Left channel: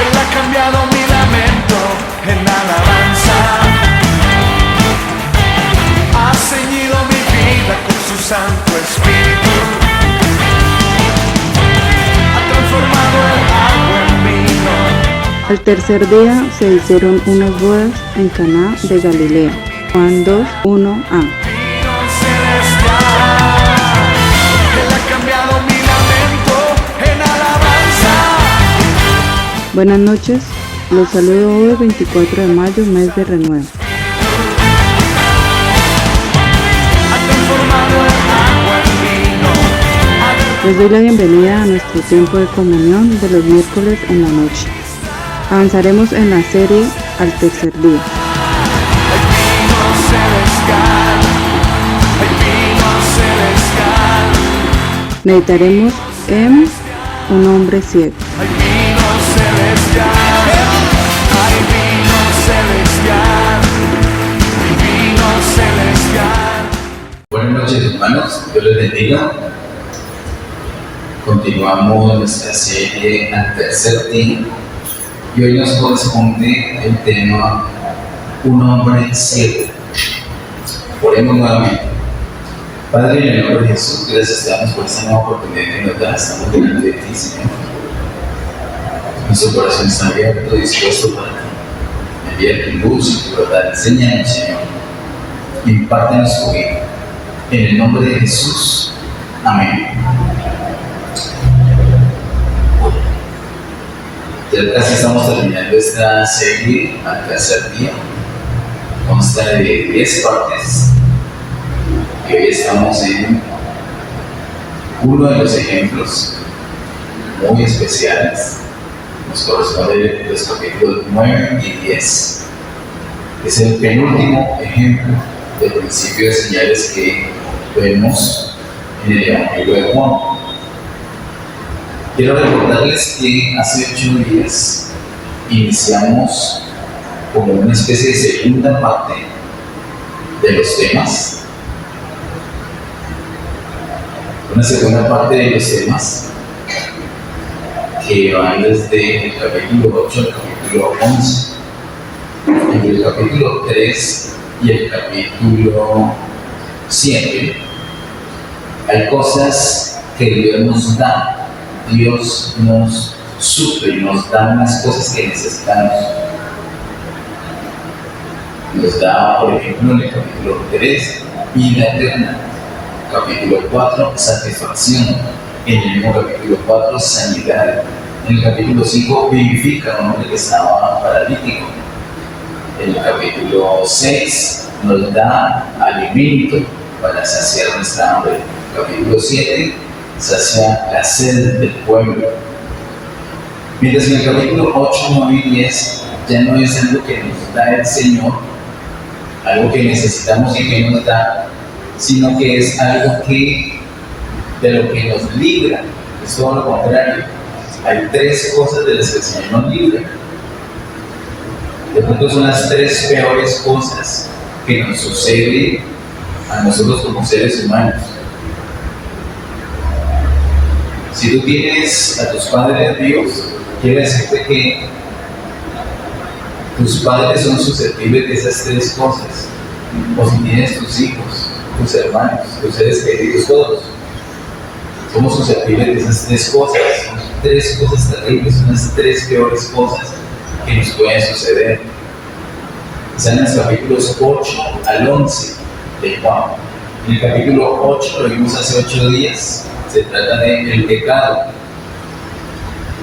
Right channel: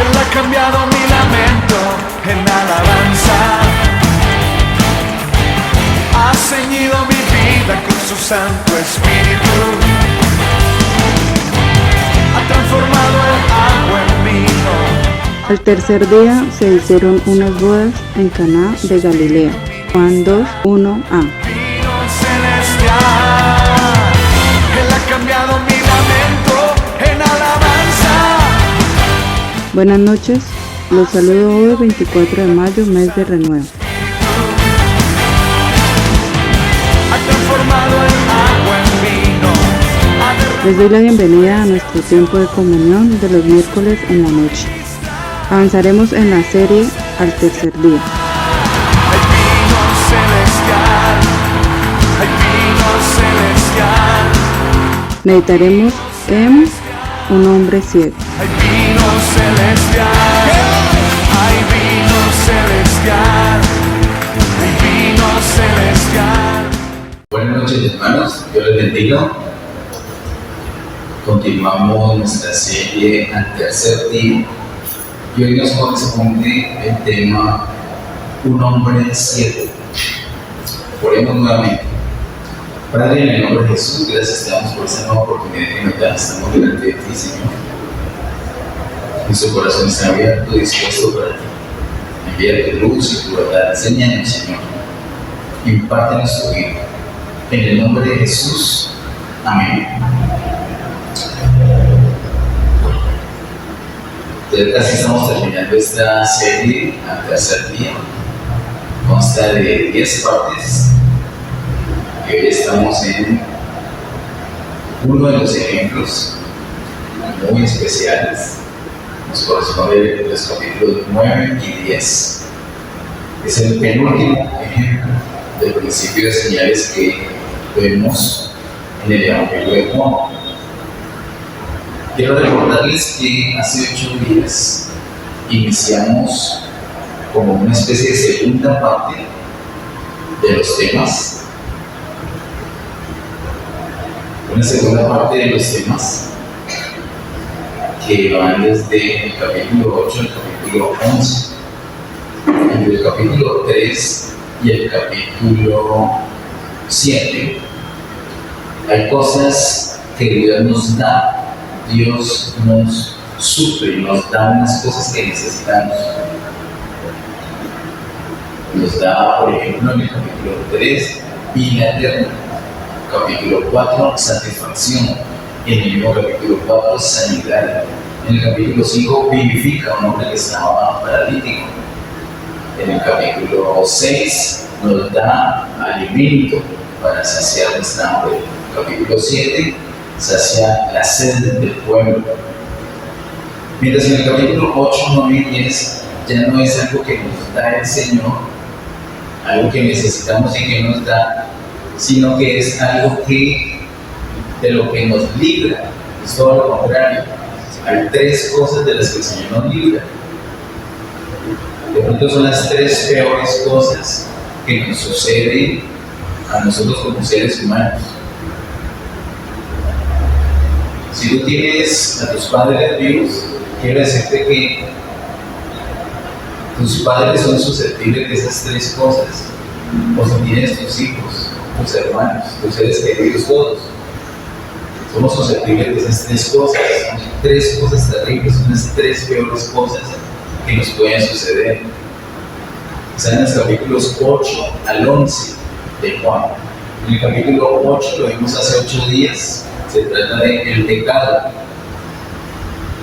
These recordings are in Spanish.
Él ha cambiado mi lamento en alabanza. Ha ceñido mi vida con su Santo Espíritu. Ha transformado el agua en vino. Al tercer día se hicieron unas bodas en Caná de Galilea. Juan 2, 1a. Vino celestial. Él ha cambiado mi lamento en alabanza. Buenas noches, los saludo hoy 24 de mayo, mes de renuevo. Ha transformado el agua en vino. Les doy la bienvenida a nuestro tiempo de comunión de los miércoles en la noche. Avanzaremos en la serie al tercer día. Hay vino celestial. Hay vino celestial. Meditaremos en un hombre ciego. Hay vino celestial. Hay vino celestial. Hay vino celestial. Buenas noches, hermanos, Dios les bendiga. Continuamos nuestra serie al tercer día y hoy nos corresponde el tema un hombre ciego. Oremos nuevamente. Padre, en el nombre de Jesús, gracias te damos por esta nueva oportunidad que nos das. Estamos delante de ti, Señor. Nuestro corazón está abierto y dispuesto para ti. Envía tu luz y tu verdad. Enséñanos, Señor. Impártenos tu vida. En el nombre de Jesús. Amén. Ya casi estamos terminando esta serie al tercer día. Consta de 10 partes. Y hoy estamos en uno de los ejemplos muy especiales. Nos corresponde los capítulos 9 y 10. Es el penúltimo ejemplo del principio de señales que vemos en el Evangelio de Juan. Quiero recordarles que hace 8 días iniciamos como una especie de segunda parte de los temas. Una segunda parte de los temas que van desde el capítulo 8 al capítulo 11. Entre el capítulo 3 y el capítulo 7 hay cosas que Dios nos da. Dios nos suple, nos da unas cosas que necesitamos. Nos da, por ejemplo, en el capítulo 3, vida eterna. Capítulo 4, satisfacción. En el mismo capítulo 4, sanidad. En el capítulo 5, vivifica a un hombre que estaba paralítico. En el capítulo 6, nos da alimento para saciar nuestra hambre. Capítulo 7, sacia la sed del pueblo. Mientras en el capítulo 8, 9 y 10 ya no es algo que nos da el Señor, algo que necesitamos y que nos da, sino que es algo que de lo que nos libra. Es todo lo contrario. Hay 3 cosas de las que el Señor nos libra. De pronto son las 3 peores cosas que nos suceden a nosotros como seres humanos. Si tú tienes a tus padres vivos, quiero decirte que tus padres son susceptibles de esas 3 cosas. O si tienes tus hijos, tus hermanos, tus seres queridos, todos. Somos susceptibles de esas 3 cosas. Son 3 cosas terribles, son las 3 peores cosas que nos pueden suceder. Están en los capítulos 8 al 11 de Juan. En el capítulo 8, lo vimos hace 8 días, se trata del pecado.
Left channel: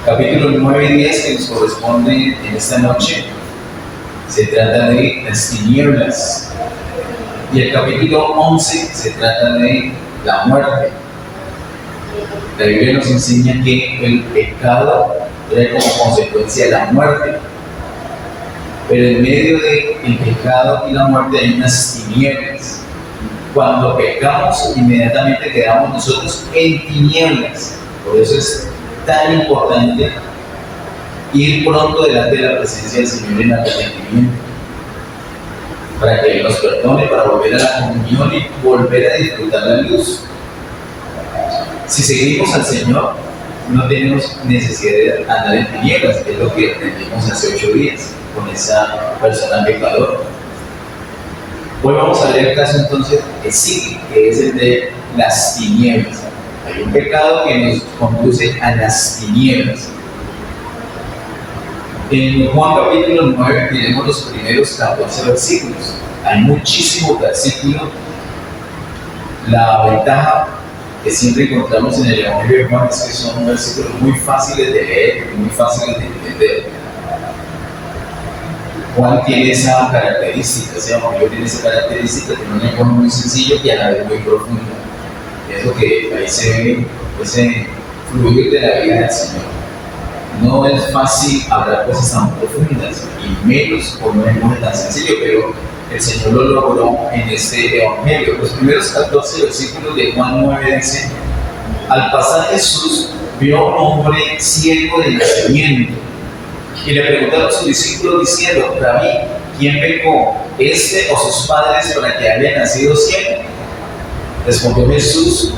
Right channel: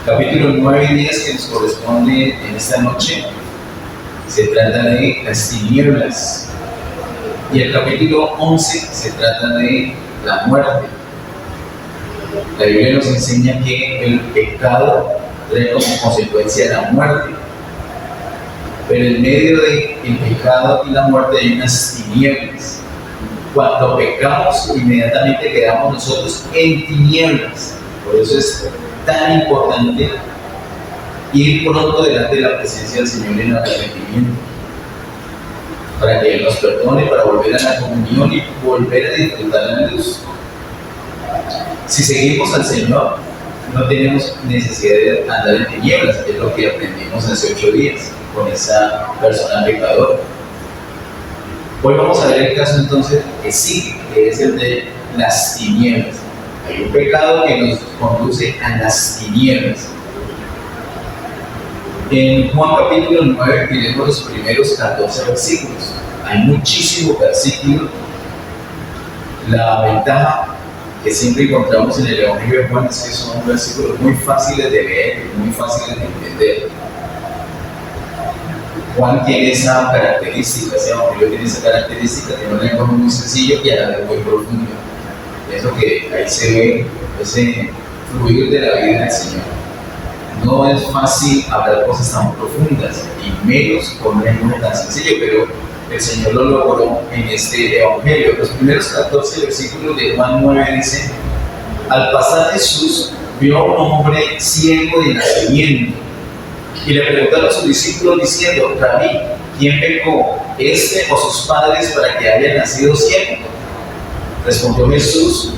Capítulo 9 y 10 que nos corresponde en esta noche, se trata de las tinieblas. Y el capítulo 11 se trata de la muerte. La Biblia nos enseña que el pecado trae como consecuencia la muerte. Pero en medio del pecado y la muerte hay unas tinieblas. Cuando pecamos, inmediatamente quedamos nosotros en tinieblas. Por eso es tan importante ir pronto delante de la presencia del Señor en arrepentimiento, para que Él nos perdone, para volver a la comunión y volver a disfrutar la luz. Si seguimos al Señor, no tenemos necesidad de andar en tinieblas, es lo que aprendimos hace 8 días con esa persona pecadora. Hoy vamos a ver el caso entonces que sigue, que es el de las tinieblas. Hay un pecado que nos conduce a las tinieblas. En Juan capítulo 9 tenemos los primeros 14 versículos. Hay muchísimos versículos. La ventaja que siempre encontramos en el Evangelio de Juan es que son versículos muy fáciles de leer, muy fáciles de entender. Juan tiene esa característica, ese Evangelio tiene esa característica, tiene un lenguaje muy sencillo y a la vez muy profundo. Pienso que ahí se ve ese fluir de la vida del Señor. No es fácil hablar cosas tan profundas y menos con un lenguaje tan sencillo, pero el Señor lo logró en este Evangelio. Los primeros 14 versículos de Juan 9 dicen: al pasar Jesús vio a un hombre ciego de nacimiento y le preguntaron a sus discípulos diciendo: Rabí, ¿quién pecó, este o sus padres, para que haya nacido ciego? Respondió Jesús:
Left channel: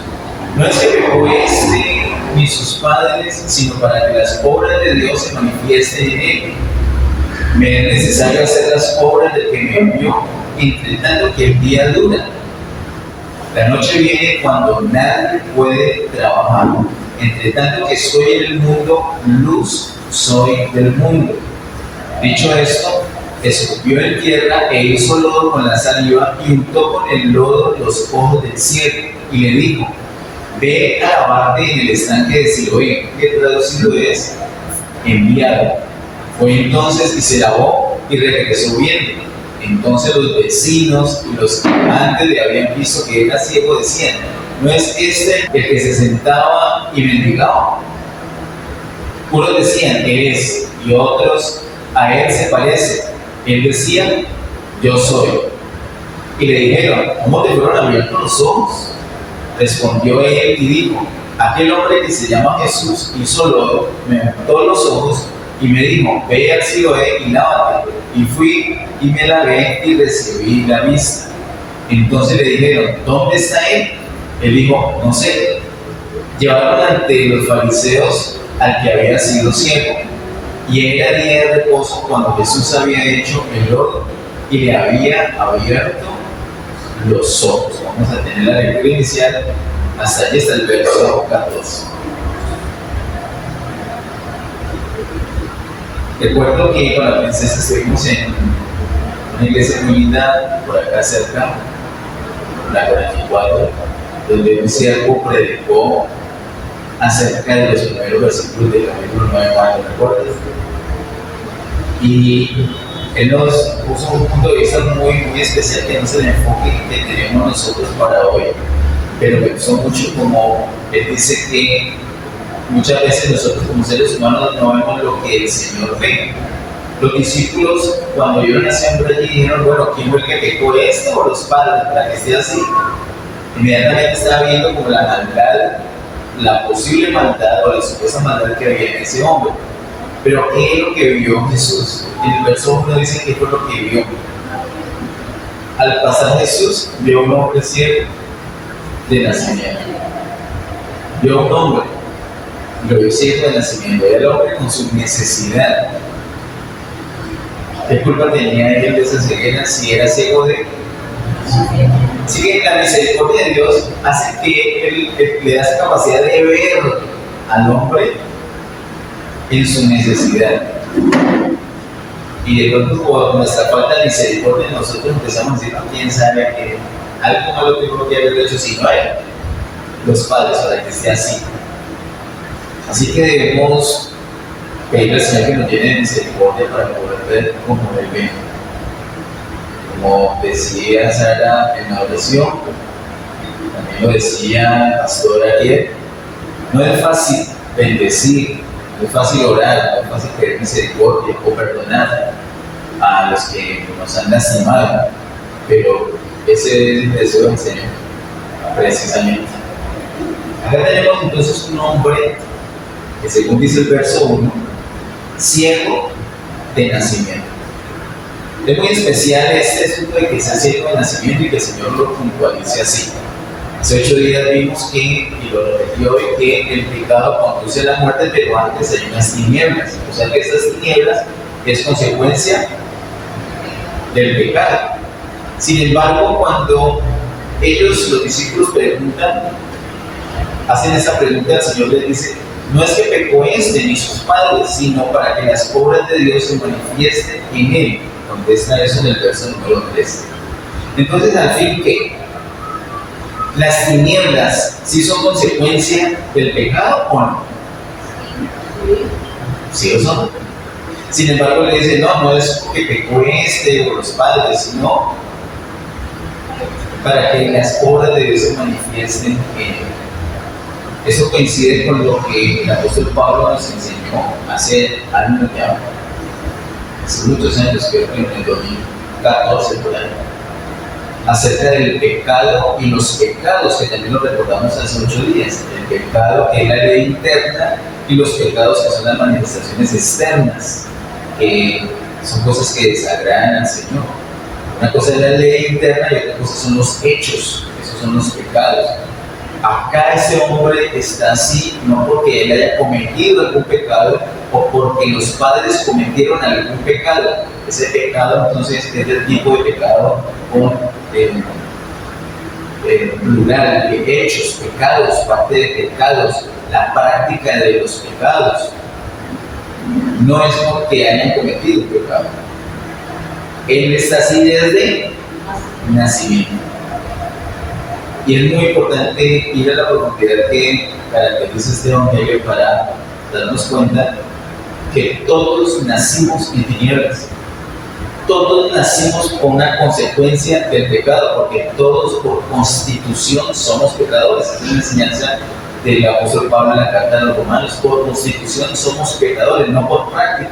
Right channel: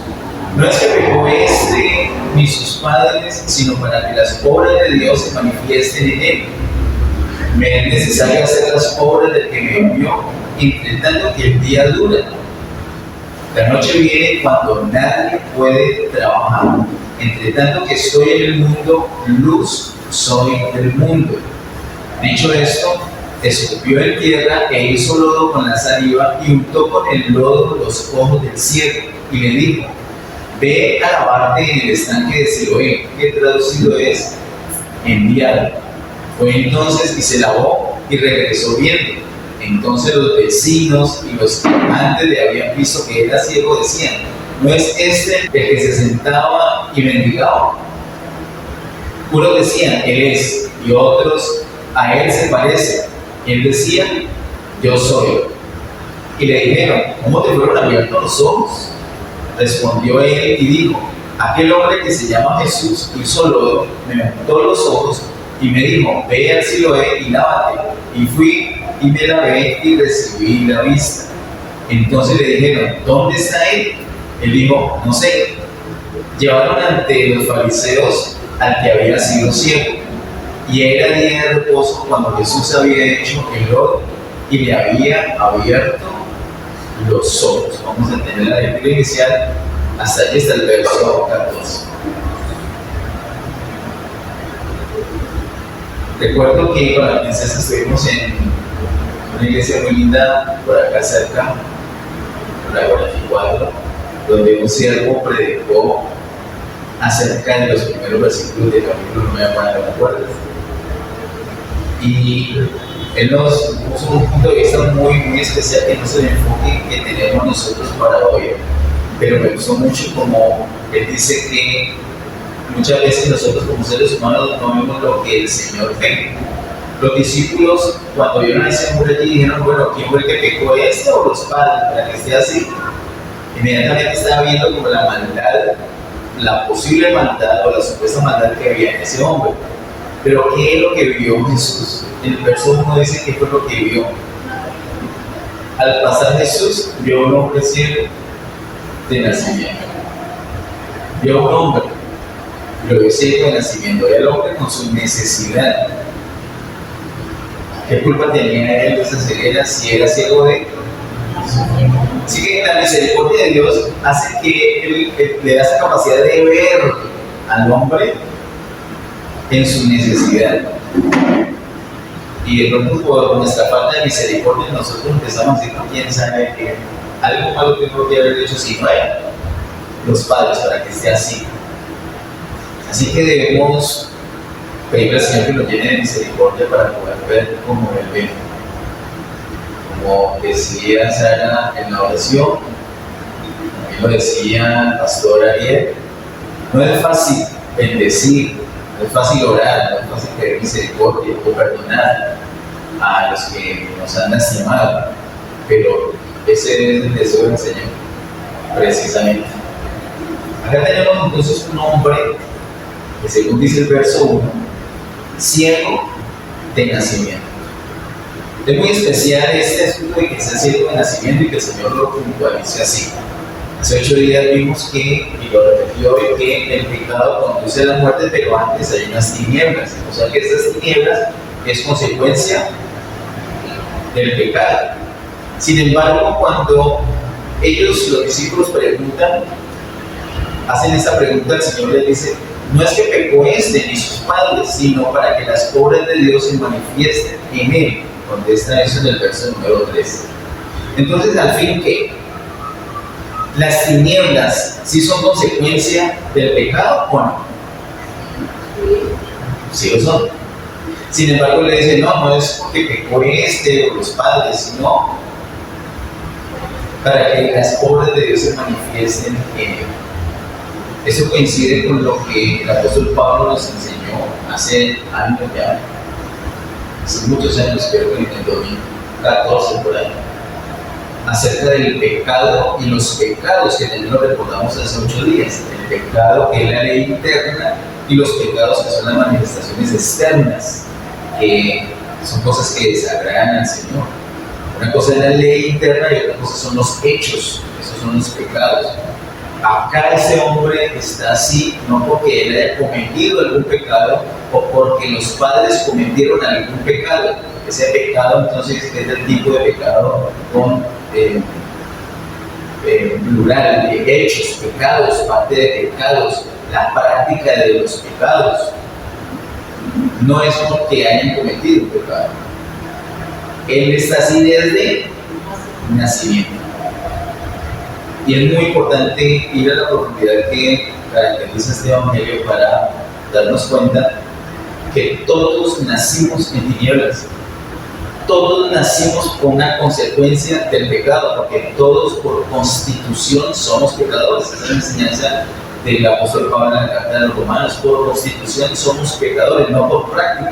no es que pecó este ni sus padres, sino para que las obras de Dios se manifiesten en él. Me es necesario hacer las obras del que me envió, entre tanto que el día dura. La noche viene cuando nadie puede trabajar. Entre tanto que estoy en el mundo, luz soy del mundo. Dicho esto, escupió en tierra e hizo lodo con la saliva y untó con el lodo los ojos del ciego y le dijo: ve a lavarte en el estanque de Siloé, que traducido es enviado. Fue entonces y se lavó y regresó viendo. Entonces los vecinos y los que antes le habían visto que era ciego decían: ¿no es este el que se sentaba y mendigaba? Unos decían: él es, y otros: a él se parece. Y él decía: yo soy. Y le dijeron: ¿cómo te fueron abiertos los ojos? Respondió él y dijo: aquel hombre que se llama Jesús hizo lodo, me untó los ojos y me dijo: ve al Siloé y lávate. Y fui y me lavé y recibí la vista. Entonces le dijeron: ¿dónde está él? Él dijo: no sé. Llevaron ante los fariseos al que había sido ciego, y era día de reposo cuando Jesús había hecho el lodo y le había abierto los ojos. Vamos a tener la lectura inicial hasta allí, hasta el verso 14. Recuerdo que con la princesa estuvimos en una iglesia muy linda por acá cerca, la 44, donde un siervo predicó acerca de los primeros versículos del capítulo 9 de Juan, ¿te acuerdas? Y él nos puso un punto de vista muy especial, que no es el enfoque que tenemos nosotros para hoy, pero me gustó mucho como él dice que muchas veces nosotros como seres humanos no vemos lo que el Señor ve. Los discípulos, cuando vieron a ese hombre allí, dijeron: bueno, ¿quién fue el que pecó, esto o los padres, para que esté así? Inmediatamente estaba viendo como la maldad, la posible maldad o la supuesta maldad que había en ese hombre. Pero ¿qué es lo que vio Jesús? En el verso 1 dice qué fue lo que vio. Al pasar Jesús, vio a un hombre ciego de nacimiento. Vio a un hombre, lo vio ciego de nacimiento. Era el hombre con su necesidad. ¿Qué culpa tenía él de esa ceguera si era ciego de? Así que la misericordia de Dios hace que él le da esa capacidad de ver al hombre en su necesidad. Y de pronto, por nuestra falta de misericordia, nosotros empezamos a decir: quién sabe que algo malo tengo que haber hecho, si no era los padres, para que esté así. Así que debemos pedirle al Señor que nos llene de misericordia para poder ver como Él ve. Como decía Sara en la oración, también lo decía el pastor Ariel, no es fácil bendecir, no es fácil orar, no es fácil pedir misericordia o perdonar a los que nos han lastimado, pero ese es el deseo del Señor, precisamente. Acá tenemos entonces un hombre que, según dice el verso 1, ciego de nacimiento. Es muy especial este asunto de que sea ciego de nacimiento y que el Señor lo puntualice así. Hace 8 días vimos que, y lo repetió hoy, que el pecado conduce a la muerte, pero antes hay unas tinieblas. O sea que esas tinieblas es consecuencia del pecado. Sin embargo, cuando ellos, los discípulos, preguntan, hacen esa pregunta, el Señor les dice: no es que pecó este ni sus padres, sino para que las obras de Dios se manifiesten en él. Contesta eso en el verso número 3. Entonces, al fin, ¿qué? ¿Las tinieblas sí son consecuencia del pecado o no? Sí lo son. Sin embargo, le dicen: no es que pecó este o los padres, sino para que las obras de Dios se manifiesten en él. Eso coincide con lo que el apóstol Pablo nos enseñó hace años ya, hace muchos años, creo que en el 2014 por ahí, acerca del pecado y los pecados, que también lo recordamos hace 8 días. El pecado, que es la ley interna, y los pecados, que son las manifestaciones externas, que son cosas que desagradan al Señor. Una cosa es la ley interna y otra cosa son los hechos, esos son los pecados. Acá ese hombre está así, no porque él haya cometido algún pecado o porque los padres cometieron algún pecado. Ese pecado entonces es del tipo de pecado con plural de hechos, pecados, parte de pecados, la práctica de los pecados. No es porque hayan cometido un pecado. Él está así desde nacimiento. Y es muy importante ir a la profundidad que caracteriza este evangelio para darnos cuenta que todos nacimos en tinieblas. Todos nacimos con una consecuencia del pecado, porque todos por constitución somos pecadores. Esa es la enseñanza del apóstol Pablo en la carta de los Romanos. Por constitución somos pecadores, no por práctica.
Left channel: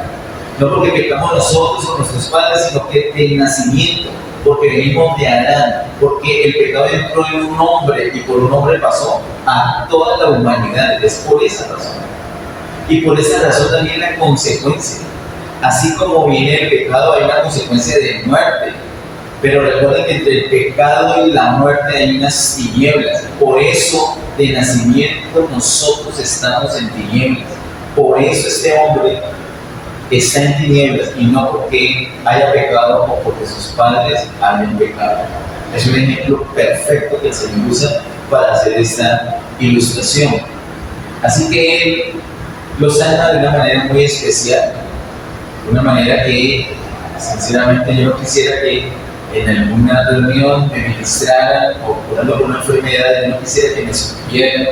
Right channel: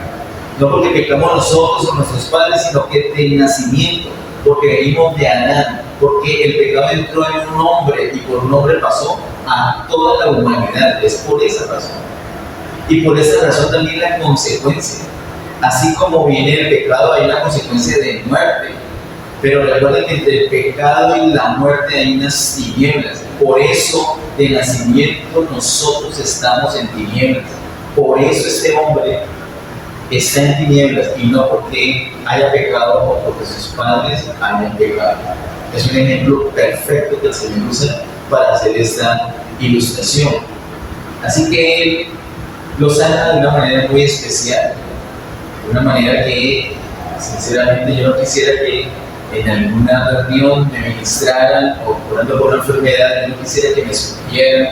No porque pecamos nosotros o nuestros padres, sino que de nacimiento, porque venimos de Adán, porque el pecado entró en un hombre y por un hombre pasó a toda la humanidad. Es por esa razón. Y por esa razón también la consecuencia. Así como viene el pecado, hay una consecuencia de muerte. Pero recuerden que entre el pecado y la muerte hay unas tinieblas. Por eso, de nacimiento, nosotros estamos en tinieblas. Por eso este hombre está en tinieblas, y no porque haya pecado o porque sus padres hayan pecado. Es un ejemplo perfecto que el Señor usa para hacer esta ilustración. Así que Él lo sana de una manera muy especial, de una manera que sinceramente yo no quisiera que en alguna reunión me ministraran o curando por una enfermedad. Yo no quisiera que me escupieran.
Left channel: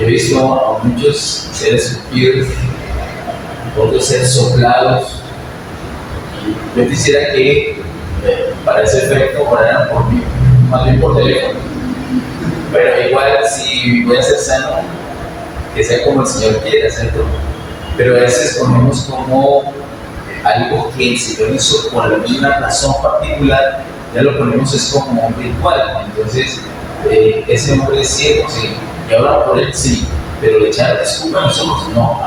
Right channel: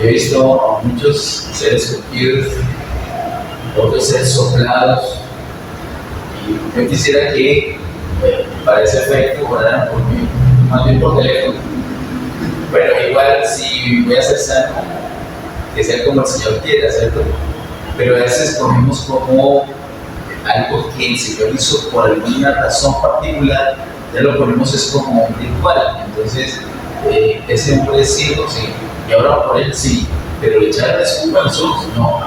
Yo he visto a muchos ser escupidos, otros ser soplados, y yo quisiera que para ese efecto oraran por mí, más bien por teléfono. Pero igual, si voy a ser sano, que sea como el Señor quiere hacerlo. Pero a veces ponemos como algo que el Señor hizo por alguna razón particular, ya lo ponemos es como un ritual. Entonces, ese hombre es ciego, sí, y ahora por él sí, pero le echaron escupa a los ojos, no.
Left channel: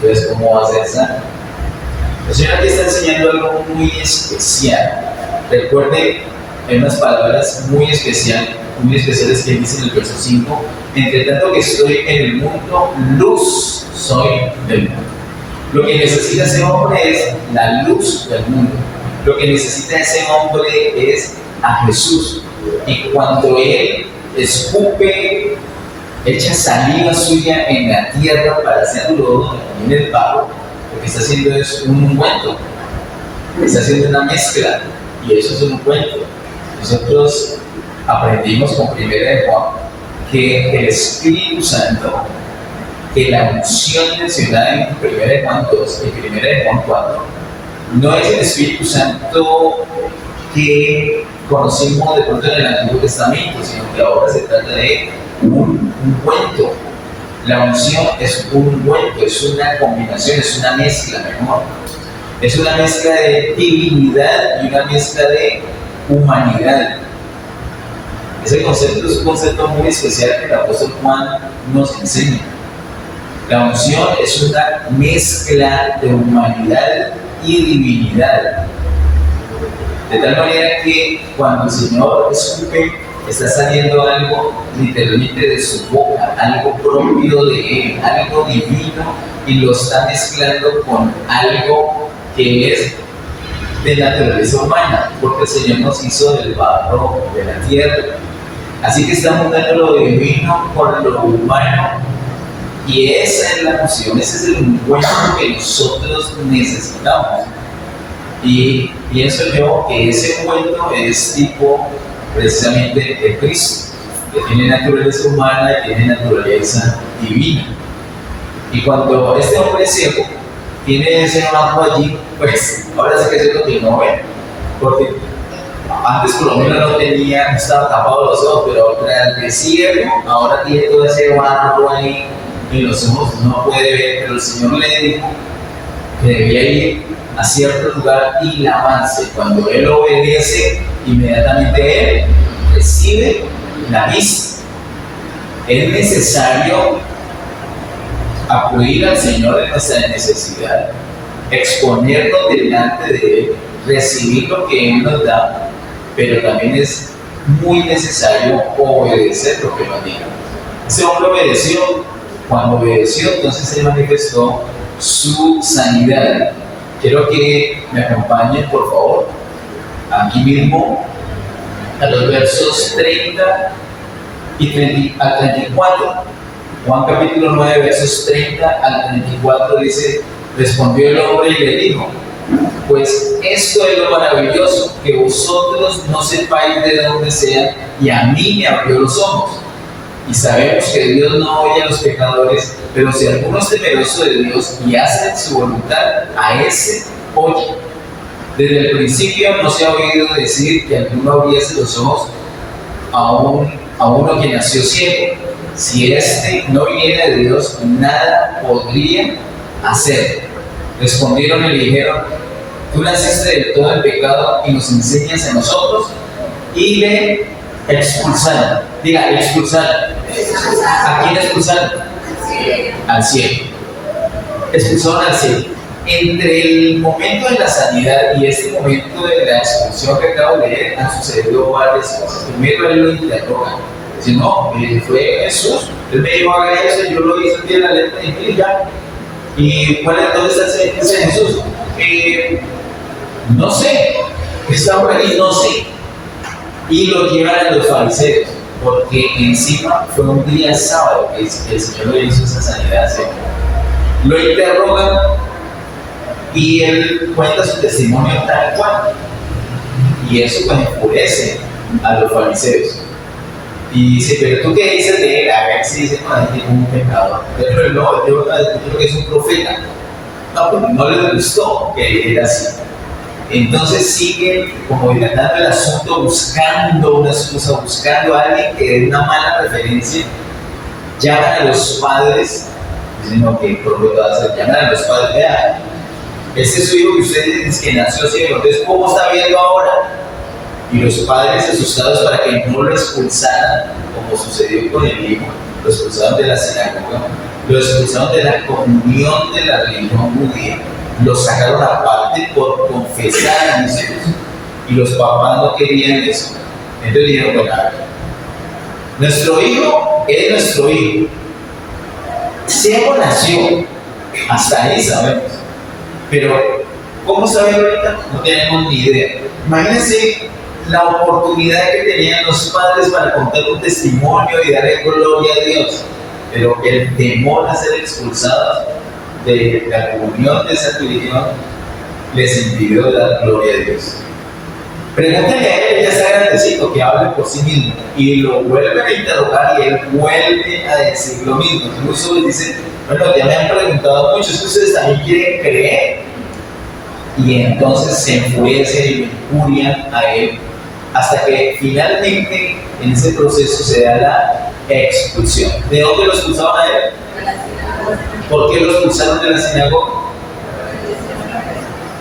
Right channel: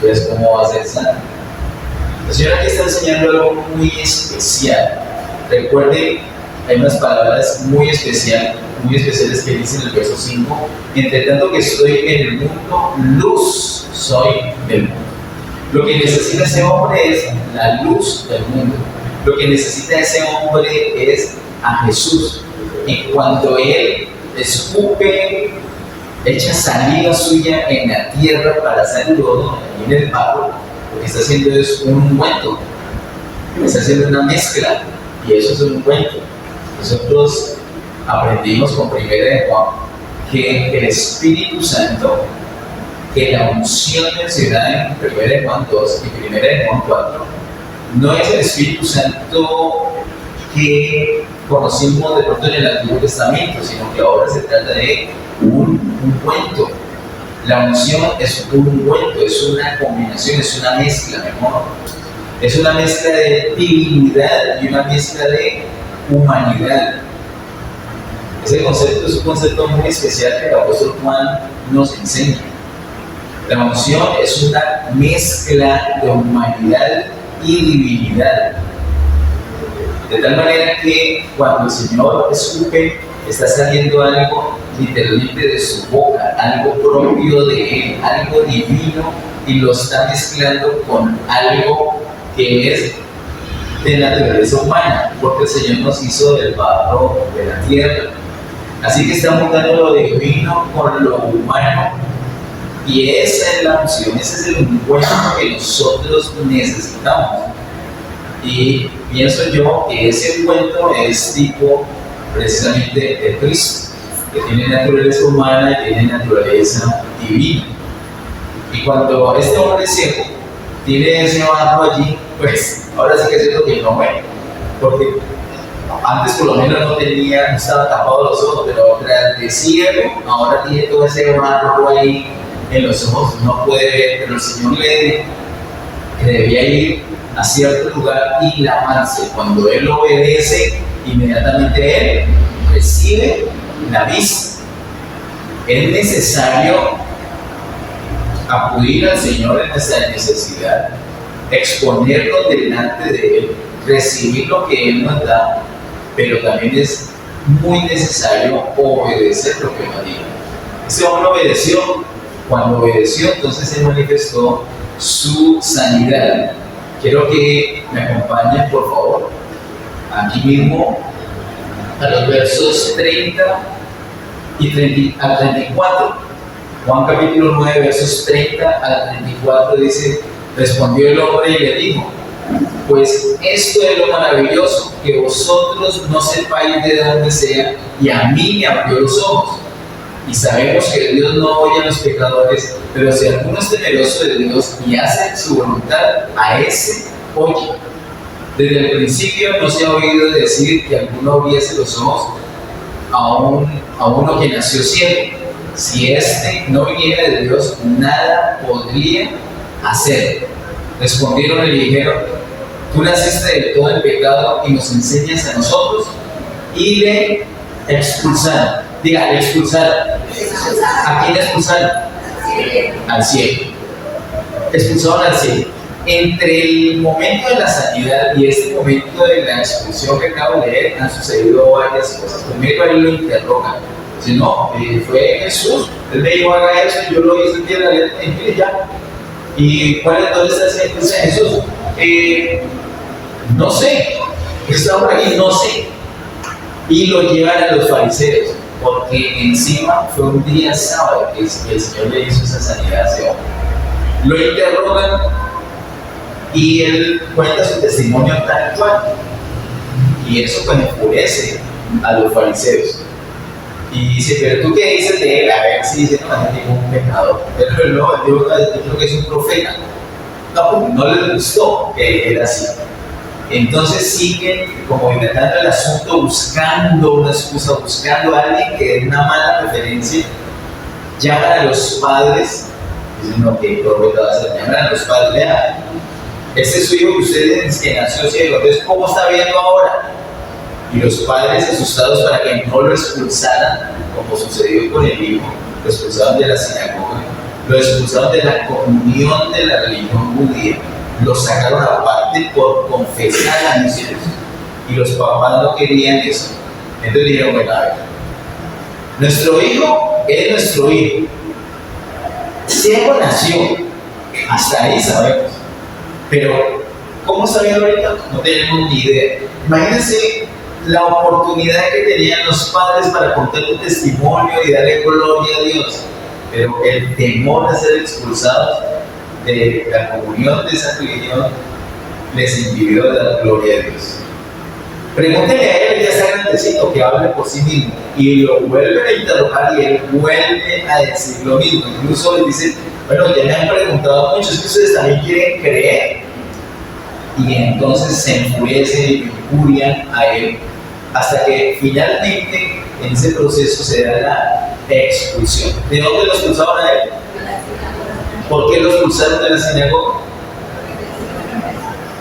Entonces, ¿cómo va a ser sano? El Señor aquí está enseñando algo muy especial. Recuerde, hay unas palabras muy especiales que dice en el verso 5: entre tanto que estoy en el mundo, luz soy del mundo. Lo que necesita ese hombre es la luz del mundo. Lo que necesita ese hombre es a Jesús. Y cuando él escupe, echa saliva suya en la tierra para hacer lodo en el barro, lo que está haciendo es un ungüento, está haciendo una mezcla, y eso es un ungüento. Nosotros aprendimos con 1 Juan que el Espíritu Santo, que la unción mencionada en 1 Juan 2 y 1 Juan 4, no es el Espíritu Santo que conocimos de pronto en el Antiguo Testamento, sino que ahora se trata de un ungüento. La unción es un ungüento, es una combinación, es una mezcla mejor. Es una mezcla de divinidad y una mezcla de humanidad. Ese concepto es un concepto muy especial que el apóstol Juan nos enseña. La unción es una mezcla de humanidad y divinidad. De tal manera que cuando el Señor escupe, está saliendo algo literalmente de su boca, algo propio de él, algo divino, y lo está mezclando con algo que es de naturaleza humana, porque el Señor nos hizo del barro de la tierra. Así que está juntando lo divino con lo humano, y esa es la función, ese es el encuentro que nosotros necesitamos. Y pienso yo que ese encuentro es tipo precisamente de Cristo, que tiene naturaleza humana y tiene naturaleza divina. Y cuando este hombre ciego tiene ese bajo allí, pues ahora sí que es lo que no ve, porque antes por lo menos no tenía, no estaba tapado los ojos, pero tras de ciego, ahora tiene todo ese barro ahí en los ojos, no puede ver, pero el Señor le dijo que debía ir a cierto lugar y lavarse. Cuando él obedece, inmediatamente él recibe la vista. Es necesario acudir al Señor en nuestra necesidad, exponernos delante de Él, recibir lo que Él nos da, pero también es muy necesario obedecer lo que nos diga. Ese hombre obedeció. Cuando obedeció, entonces se manifestó su sanidad. Quiero que me acompañen, por favor, aquí mismo a los versos 30 y al 34. Juan capítulo 9, versos 30 al 34 dice: respondió el hombre y le dijo: pues esto es lo maravilloso, que vosotros no sepáis de dónde sea, y a mí me abrió los ojos. Y sabemos que Dios no oye a los pecadores, pero si alguno es temeroso de Dios y hace su voluntad, a ese oye. Desde el principio no se ha oído decir que alguno abriese los ojos a uno que nació ciego. Si éste no viniera de Dios, nada podría hacer. Respondieron y le dijeron: tú naciste de todo el pecado y nos enseñas a nosotros. Y le expulsaron. Diga, le expulsaron. ¿A quién expulsaron? Al ciego. Expulsaron al ciego. Entre el momento de la sanidad y este momento de la expulsión que acabo de leer, han sucedido varias cosas. Primero, él lo interrogan. Dice: no, fue Jesús. Él me dijo: haga eso, yo lo hice el día de la letra, y mire ya. ¿Y cuál es dónde está el Señor Jesús? No sé. Está por ahí, no sé. Y lo llevan a los fariseos, porque encima fue un día sábado que el Señor le hizo esa sanidad a ese hombre. Lo interrogan y él cuenta su testimonio tal cual. Y eso pues enfurece a los fariseos. Y dice: pero tú qué dices de él, a ver si dice: no, es ningún pecador. Pero no, yo creo que es un profeta. No, pues no les gustó que era así. Entonces siguen como dilatando el asunto, buscando una excusa, buscando a alguien que dé una mala referencia. Llaman a los padres, dicen: no, ¿qué profeta va a ser? Llaman a los padres: vea, ese es su hijo que ustedes dicen que nació ciego, entonces ¿cómo está viendo ahora? Y los padres, asustados para que no lo expulsaran, como sucedió con el hijo, lo expulsaron de la sinagoga, lo expulsaron de la comunión de la religión judía, lo sacaron aparte por confesar a mis hijos. Y los papás no querían eso. Entonces dijeron: bueno, a ver, nuestro hijo es nuestro hijo. Ciego nació, hasta ahí sabemos. Pero, ¿cómo está bien ahorita? No tenemos ni idea. Imagínense la oportunidad que tenían los padres para contar un testimonio y darle gloria a Dios. Pero el temor a ser expulsados de la comunión de esa religión les impidió dar gloria a Dios. Pregúntenle a él, ya está grandecito, que hable por sí mismo. Y lo vuelven a interrogar y él vuelve a decir lo mismo. Incluso les dice: bueno, ya me han preguntado mucho, es que ustedes también quieren creer. Y entonces se enfurecen y le injurian a él, hasta que finalmente en ese proceso se da la expulsión. ¿De dónde lo expulsaban a él? ¿Por qué lo expulsaron de la sinagoga?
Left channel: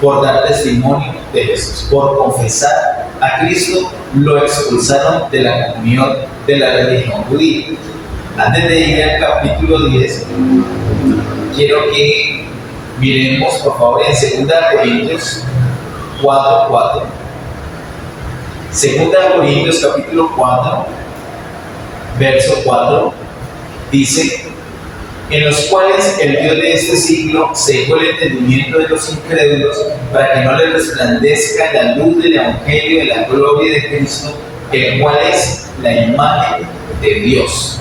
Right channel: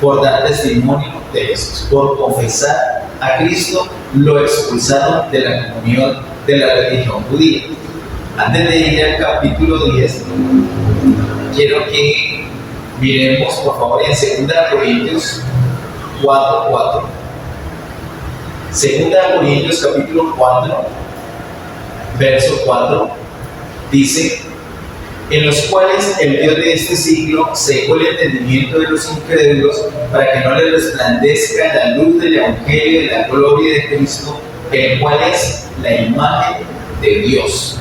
Por dar testimonio de Jesús, por confesar a Cristo, lo expulsaron de la comunión de la religión judía. Antes de ir al capítulo 10, quiero que miremos por favor en 2 Corintios 4:4. 2 Corintios capítulo 4, verso 4, dice: en los cuales el Dios de este siglo cegó el entendimiento de los incrédulos para que no les resplandezca la luz del Evangelio de la gloria de Cristo, el cual es la imagen de Dios.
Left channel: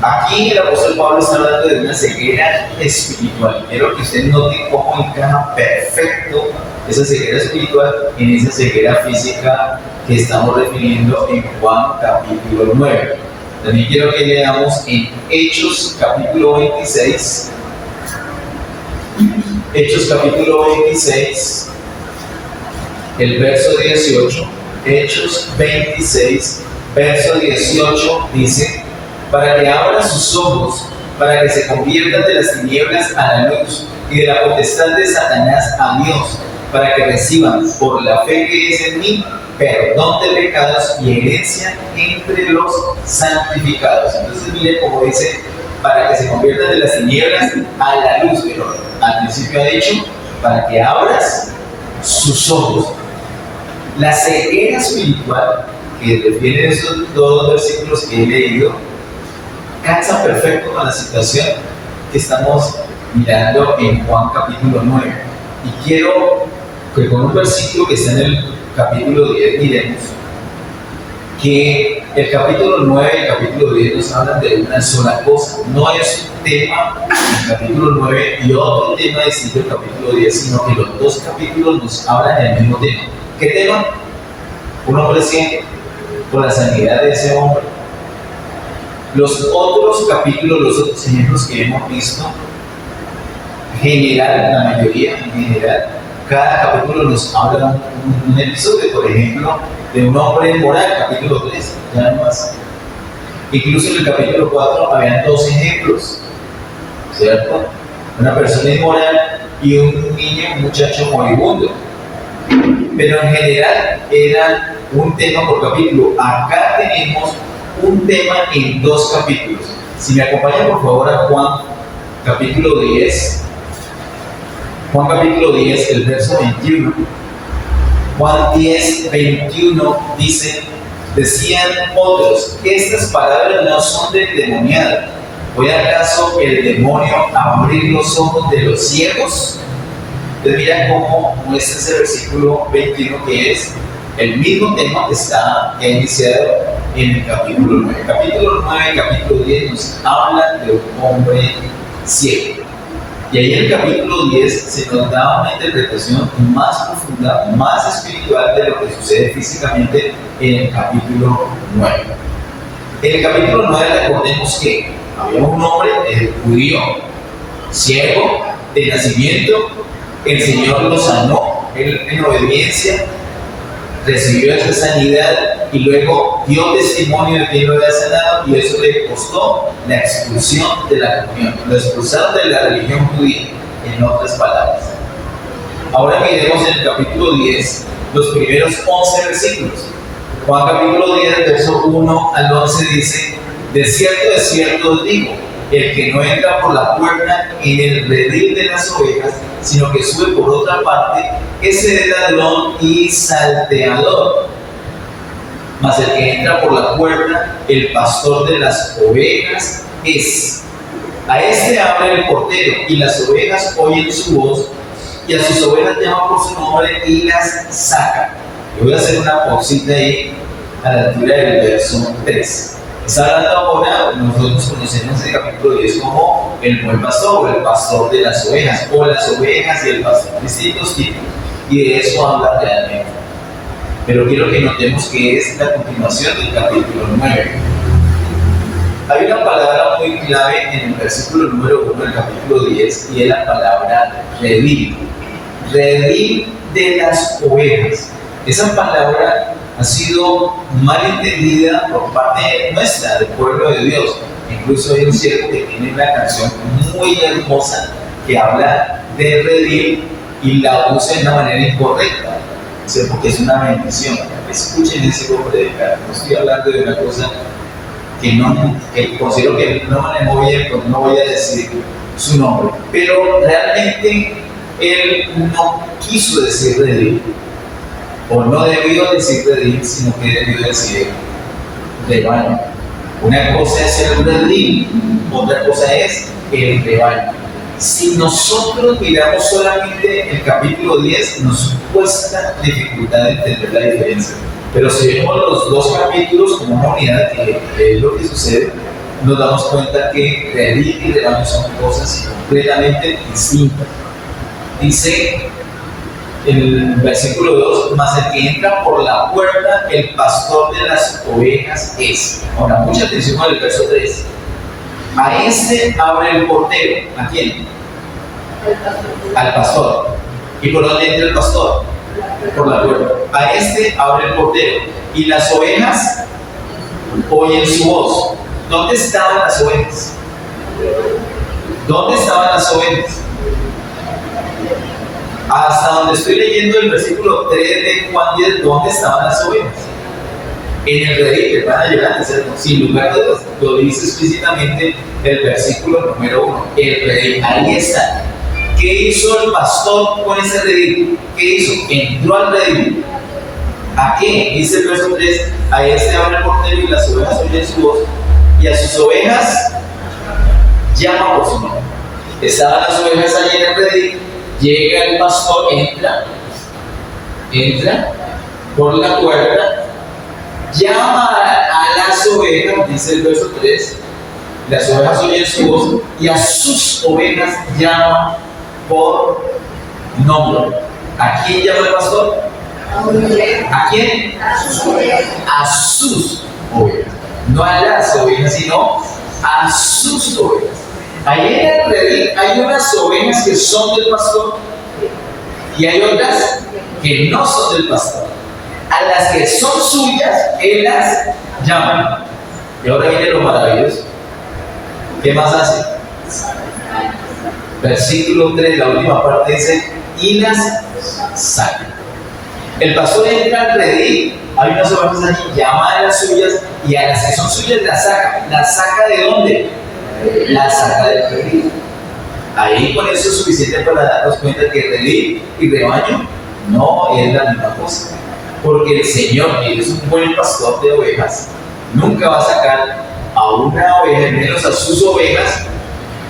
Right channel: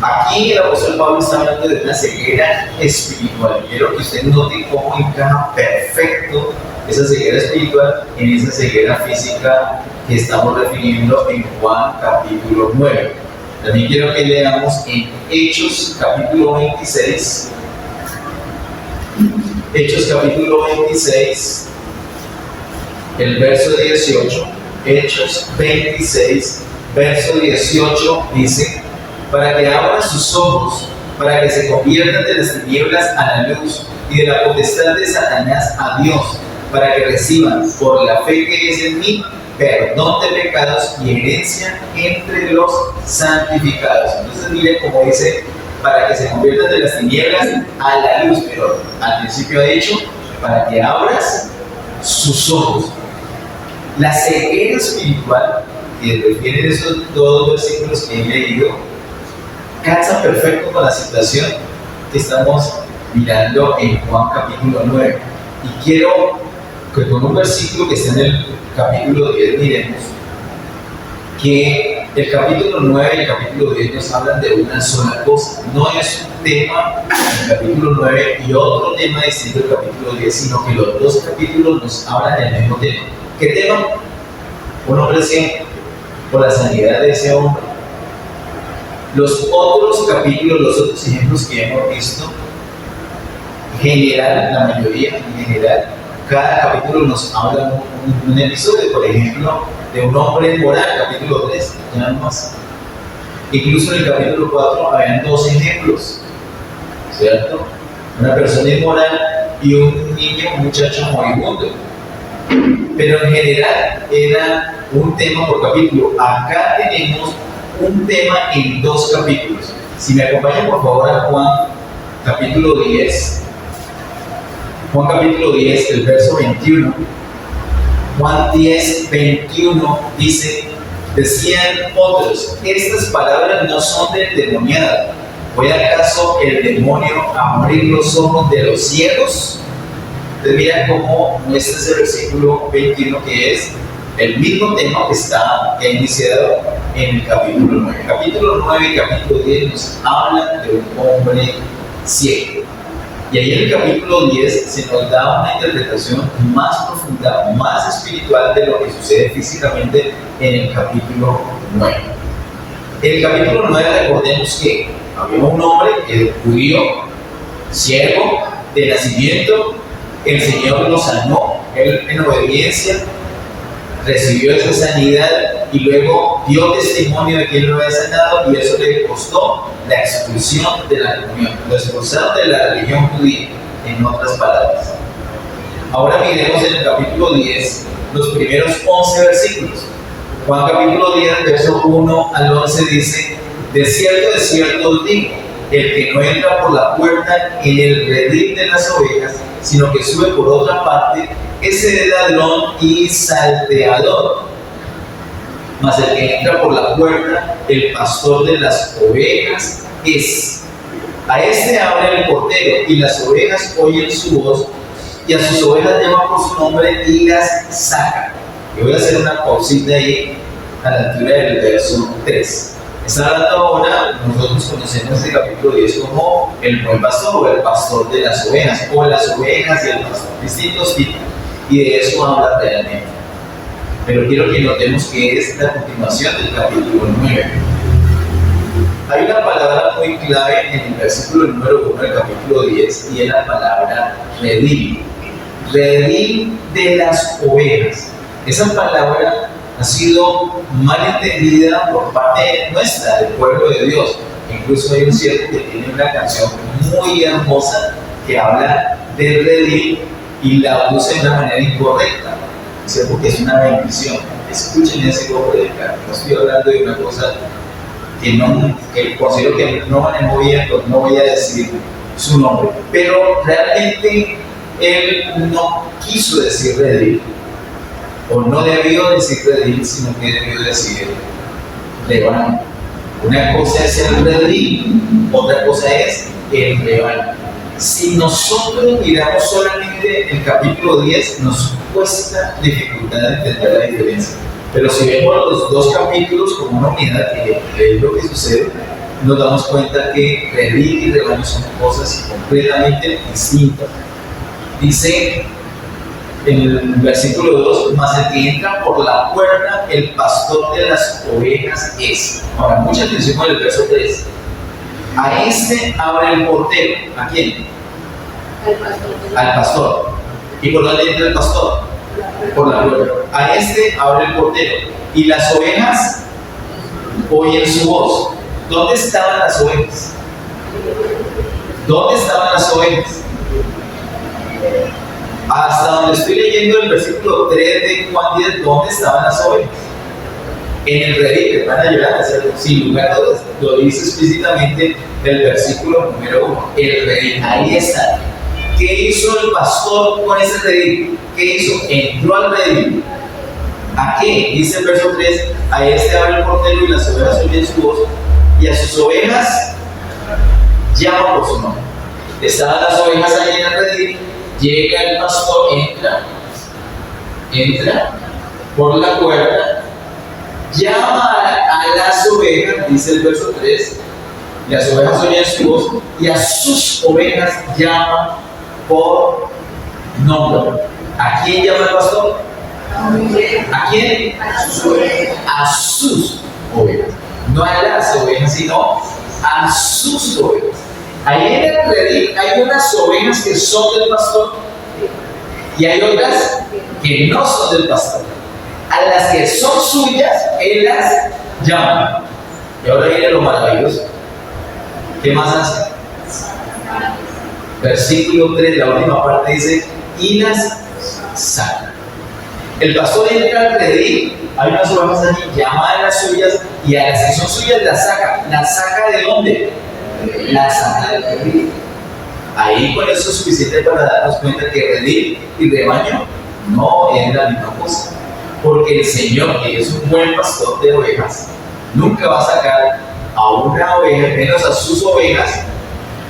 Aquí el apóstol Pablo está hablando de una ceguera espiritual. Quiero que usted note cómo encaja perfecto esa ceguera espiritual en esa ceguera física que estamos refiriendo en Juan capítulo 9. También quiero que leamos en Hechos capítulo 26. Hechos capítulo 26, el verso 18. Hechos 26, verso 18 dice: para que abran sus ojos, para que se conviertan de las tinieblas a la luz y de la potestad de Satanás a Dios, para que reciban por la fe que es en mí perdón de pecados y herencia entre los santificados. Entonces mire cómo dice: para que se conviertan de las tinieblas a la luz, pero al principio ha dicho: para que abras sus ojos. La ceguera espiritual que refieren estos dos versículos que he leído casa perfecto con la situación que estamos mirando en Juan capítulo 9. Y quiero que con un versículo que está en el capítulo 10 miremos que el capítulo 9 y el capítulo 10 nos hablan de una sola cosa. No es un tema en el capítulo 9 y otro tema distinto del capítulo 10, sino que los dos capítulos nos hablan del mismo tema. ¿Qué tema? Un hombre ciego, por la sanidad de ese hombre. Los otros capítulos, los otros ejemplos que hemos visto, en general, la mayoría en general, cada capítulo nos habla un episodio, por ejemplo, de un hombre moral, capítulo 3, ya no más. Incluso en el capítulo 4 habían dos ejemplos, ¿cierto? Una persona inmoral y un niño, un muchacho moribundo. Pero en general era un tema por capítulo. Acá tenemos un tema en dos capítulos. Si me acompañan por favor a Juan capítulo 10. Juan capítulo 10, el verso 21. Juan 10, 21 dice: decían otros, estas palabras no son del endemoniado. ¿Puede acaso el demonio abrir los ojos de los ciegos? Entonces mira cómo muestra ese versículo 21, que es el mismo tema que ha iniciado en el capítulo 9. El capítulo 9 y el capítulo 10 nos hablan de un hombre ciego. Y ahí en el capítulo 10 se nos da una interpretación más profunda, más espiritual de lo que sucede físicamente en el capítulo 9. En el capítulo 9 recordemos que había un hombre judío, ciego, de nacimiento. El Señor lo sanó, él en obediencia recibió esa sanidad y luego dio testimonio de que él lo había sanado, y eso le costó la expulsión de la comunión, lo expulsaron de la religión judía, en otras palabras. Ahora miremos en el capítulo 10 los primeros 11 versículos. Juan capítulo 10, verso 1 al 11 dice: de cierto os digo, el que no entra por la puerta en el redil de las ovejas, sino que sube por otra parte, ese es ladrón y salteador. Mas el que entra por la puerta, el pastor de las ovejas es. A este abre el portero, y las ovejas oyen su voz, y a sus ovejas llama por su nombre y las saca. Y voy a hacer una pausita ahí a la altura del verso 3. Está hablando ahora, nosotros conocemos el capítulo 10 como el buen pastor, o el pastor de las ovejas, o las ovejas y el pastor, distintos tipos, y de eso habla realmente. Pero quiero que notemos que es la continuación del capítulo 9. Hay una palabra muy clave en el versículo número 1 del capítulo 10, y es la palabra redil. Redil de las ovejas. Esa palabra ha sido mal entendida por parte nuestra, del pueblo de Dios. Incluso hay un siervo que tiene una canción muy hermosa que habla del redil y la usa de una manera incorrecta, porque es una bendición. Escuchen ese coro de canto. No estoy hablando de una cosa que considero que no manejó bien, pues no voy a decir su nombre. Pero realmente él no quiso decir redil, o no debió decir redil, sino que debió decir rebaño. Una cosa es el redil, otra cosa es el rebaño. Si nosotros miramos solamente el capítulo 10, nos cuesta dificultad entender la diferencia. Pero si vemos los dos capítulos como una unidad, que es lo que sucede, nos damos cuenta que redil y rebaño son cosas completamente distintas. Dice en el versículo 2, mas el que entra por la puerta, el pastor de las ovejas es. Ahora, mucha atención con el verso 3. A este abre el portero. ¿A quién? Al pastor. ¿Y por dónde entra el pastor? Por la puerta. A este abre el portero. Y las ovejas oyen su voz. ¿Dónde estaban las ovejas? ¿Dónde estaban las ovejas? Hasta donde estoy leyendo el versículo 3 de Juan 10, ¿dónde estaban las ovejas? En el redil, que van a llegar, ¿cierto? Sin lugar a dudas, lo dice explícitamente el versículo número 1. El redil, ahí está. ¿Qué hizo el pastor con ese redil? ¿Qué hizo? Entró al redil. ¿A qué? Dice el verso 3, a este abre el portero y las ovejas oyen su voz, y a sus ovejas llama por su nombre. Estaban las ovejas allí en el redil. Llega el pastor, entra por la puerta, llama a las ovejas, dice el verso 3, las ovejas oyen su voz, y a sus ovejas llama por nombre. ¿A quién llama el pastor? ¿A quién? A sus ovejas. No a las ovejas, sino a sus ovejas. Ahí en el redil hay unas ovejas que son del pastor y hay otras que no son del pastor. A las que son suyas, él las llama. Y ahora viene lo maravilloso. ¿Qué más hace? Versículo 3, la última parte dice, y las saca. El pastor entra al redil, hay unas ovejas allí, llama a las suyas y a las que son suyas las saca. ¿Las saca de dónde? La saca del redil. Ahí con eso es suficiente para darnos cuenta que redil y rebaño no es la misma cosa. Porque el Señor, que es un buen pastor de ovejas, nunca va a sacar a una oveja, menos a sus ovejas,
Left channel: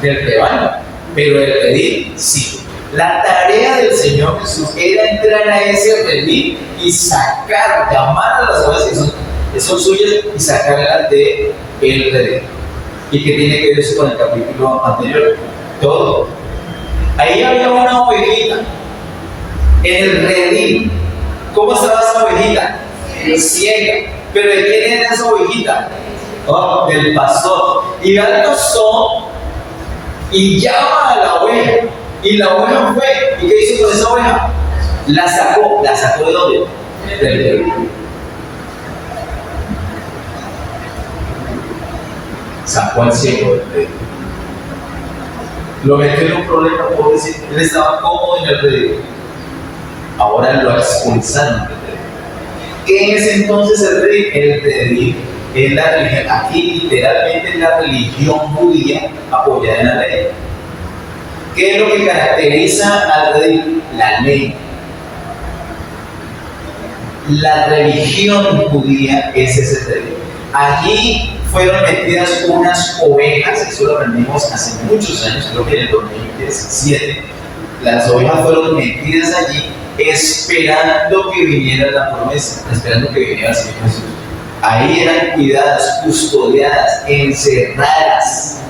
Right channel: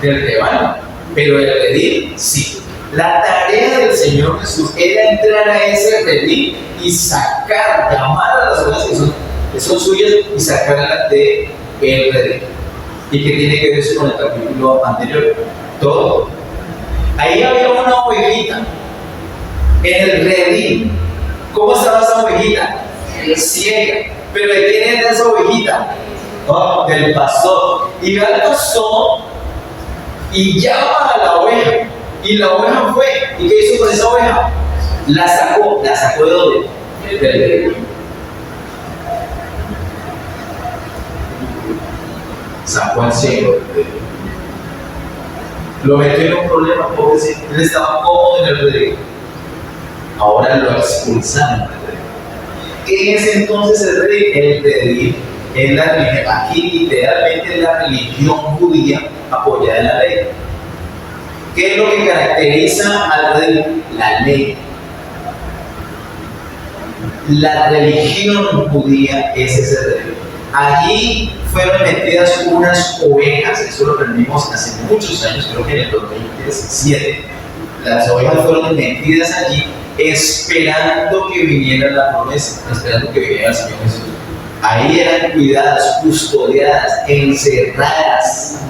del rebaño. Pero el redil sí. La tarea del Señor Jesús era entrar a ese redil y sacar, llamar a las ovejas que son suyas y sacarlas de el redil. ¿Y qué tiene que ver eso con el capítulo anterior? Todo. Ahí había una ovejita en el redil. ¿Cómo estaba esa ovejita? Ciega. ¿Pero de quién era esa ovejita? Oh, del pastor. Y va el pastor y llama a la oveja. Y la oveja fue. ¿Y qué hizo con esa oveja? La sacó. ¿La sacó de dónde? Del redil. Sacó al ciego del redil. Lo metió en un problema, porque él estaba cómodo en el redil. Ahora lo expulsaron del redil. ¿Qué es entonces el redil? El redil es la religión, aquí literalmente es la religión judía apoyada en la ley. ¿Qué es lo que caracteriza al redil? La ley. La religión judía es ese redil. Allí fueron metidas unas ovejas, eso lo aprendimos hace muchos años, creo que en el 2017. Las ovejas fueron metidas allí esperando que viniera la promesa, esperando que viniera el Señor Jesús. Ahí eran cuidadas, custodiadas, encerradas.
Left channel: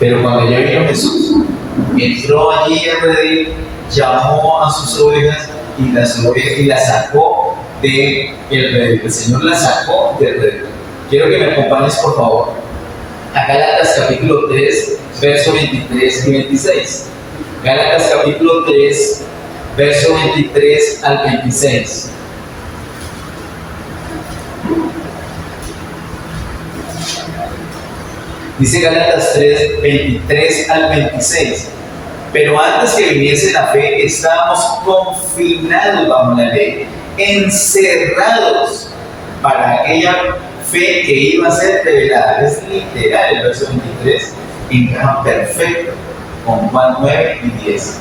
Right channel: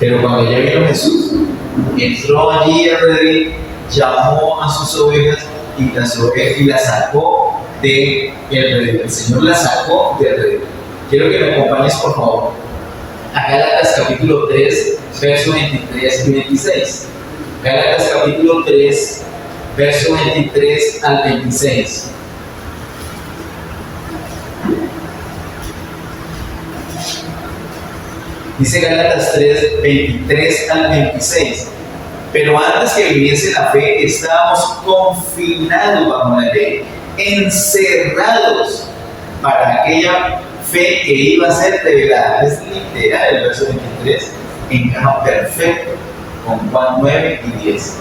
Pero cuando ya vino Jesús, entró allí al redil, llamó a sus ovejas y las sacó del redil. El Señor las sacó del redil. Quiero que me acompañes, por favor, a Gálatas capítulo 3, versos 23 y 26. Gálatas capítulo 3, versos 23 al 26. Dice Gálatas 3, 23 al 26. Pero antes que viniese la fe, estábamos confinados bajo la ley, encerrados para aquella fe que iba a ser revelada. Es literal el verso 23, encaja perfecto con Juan 9 y 10.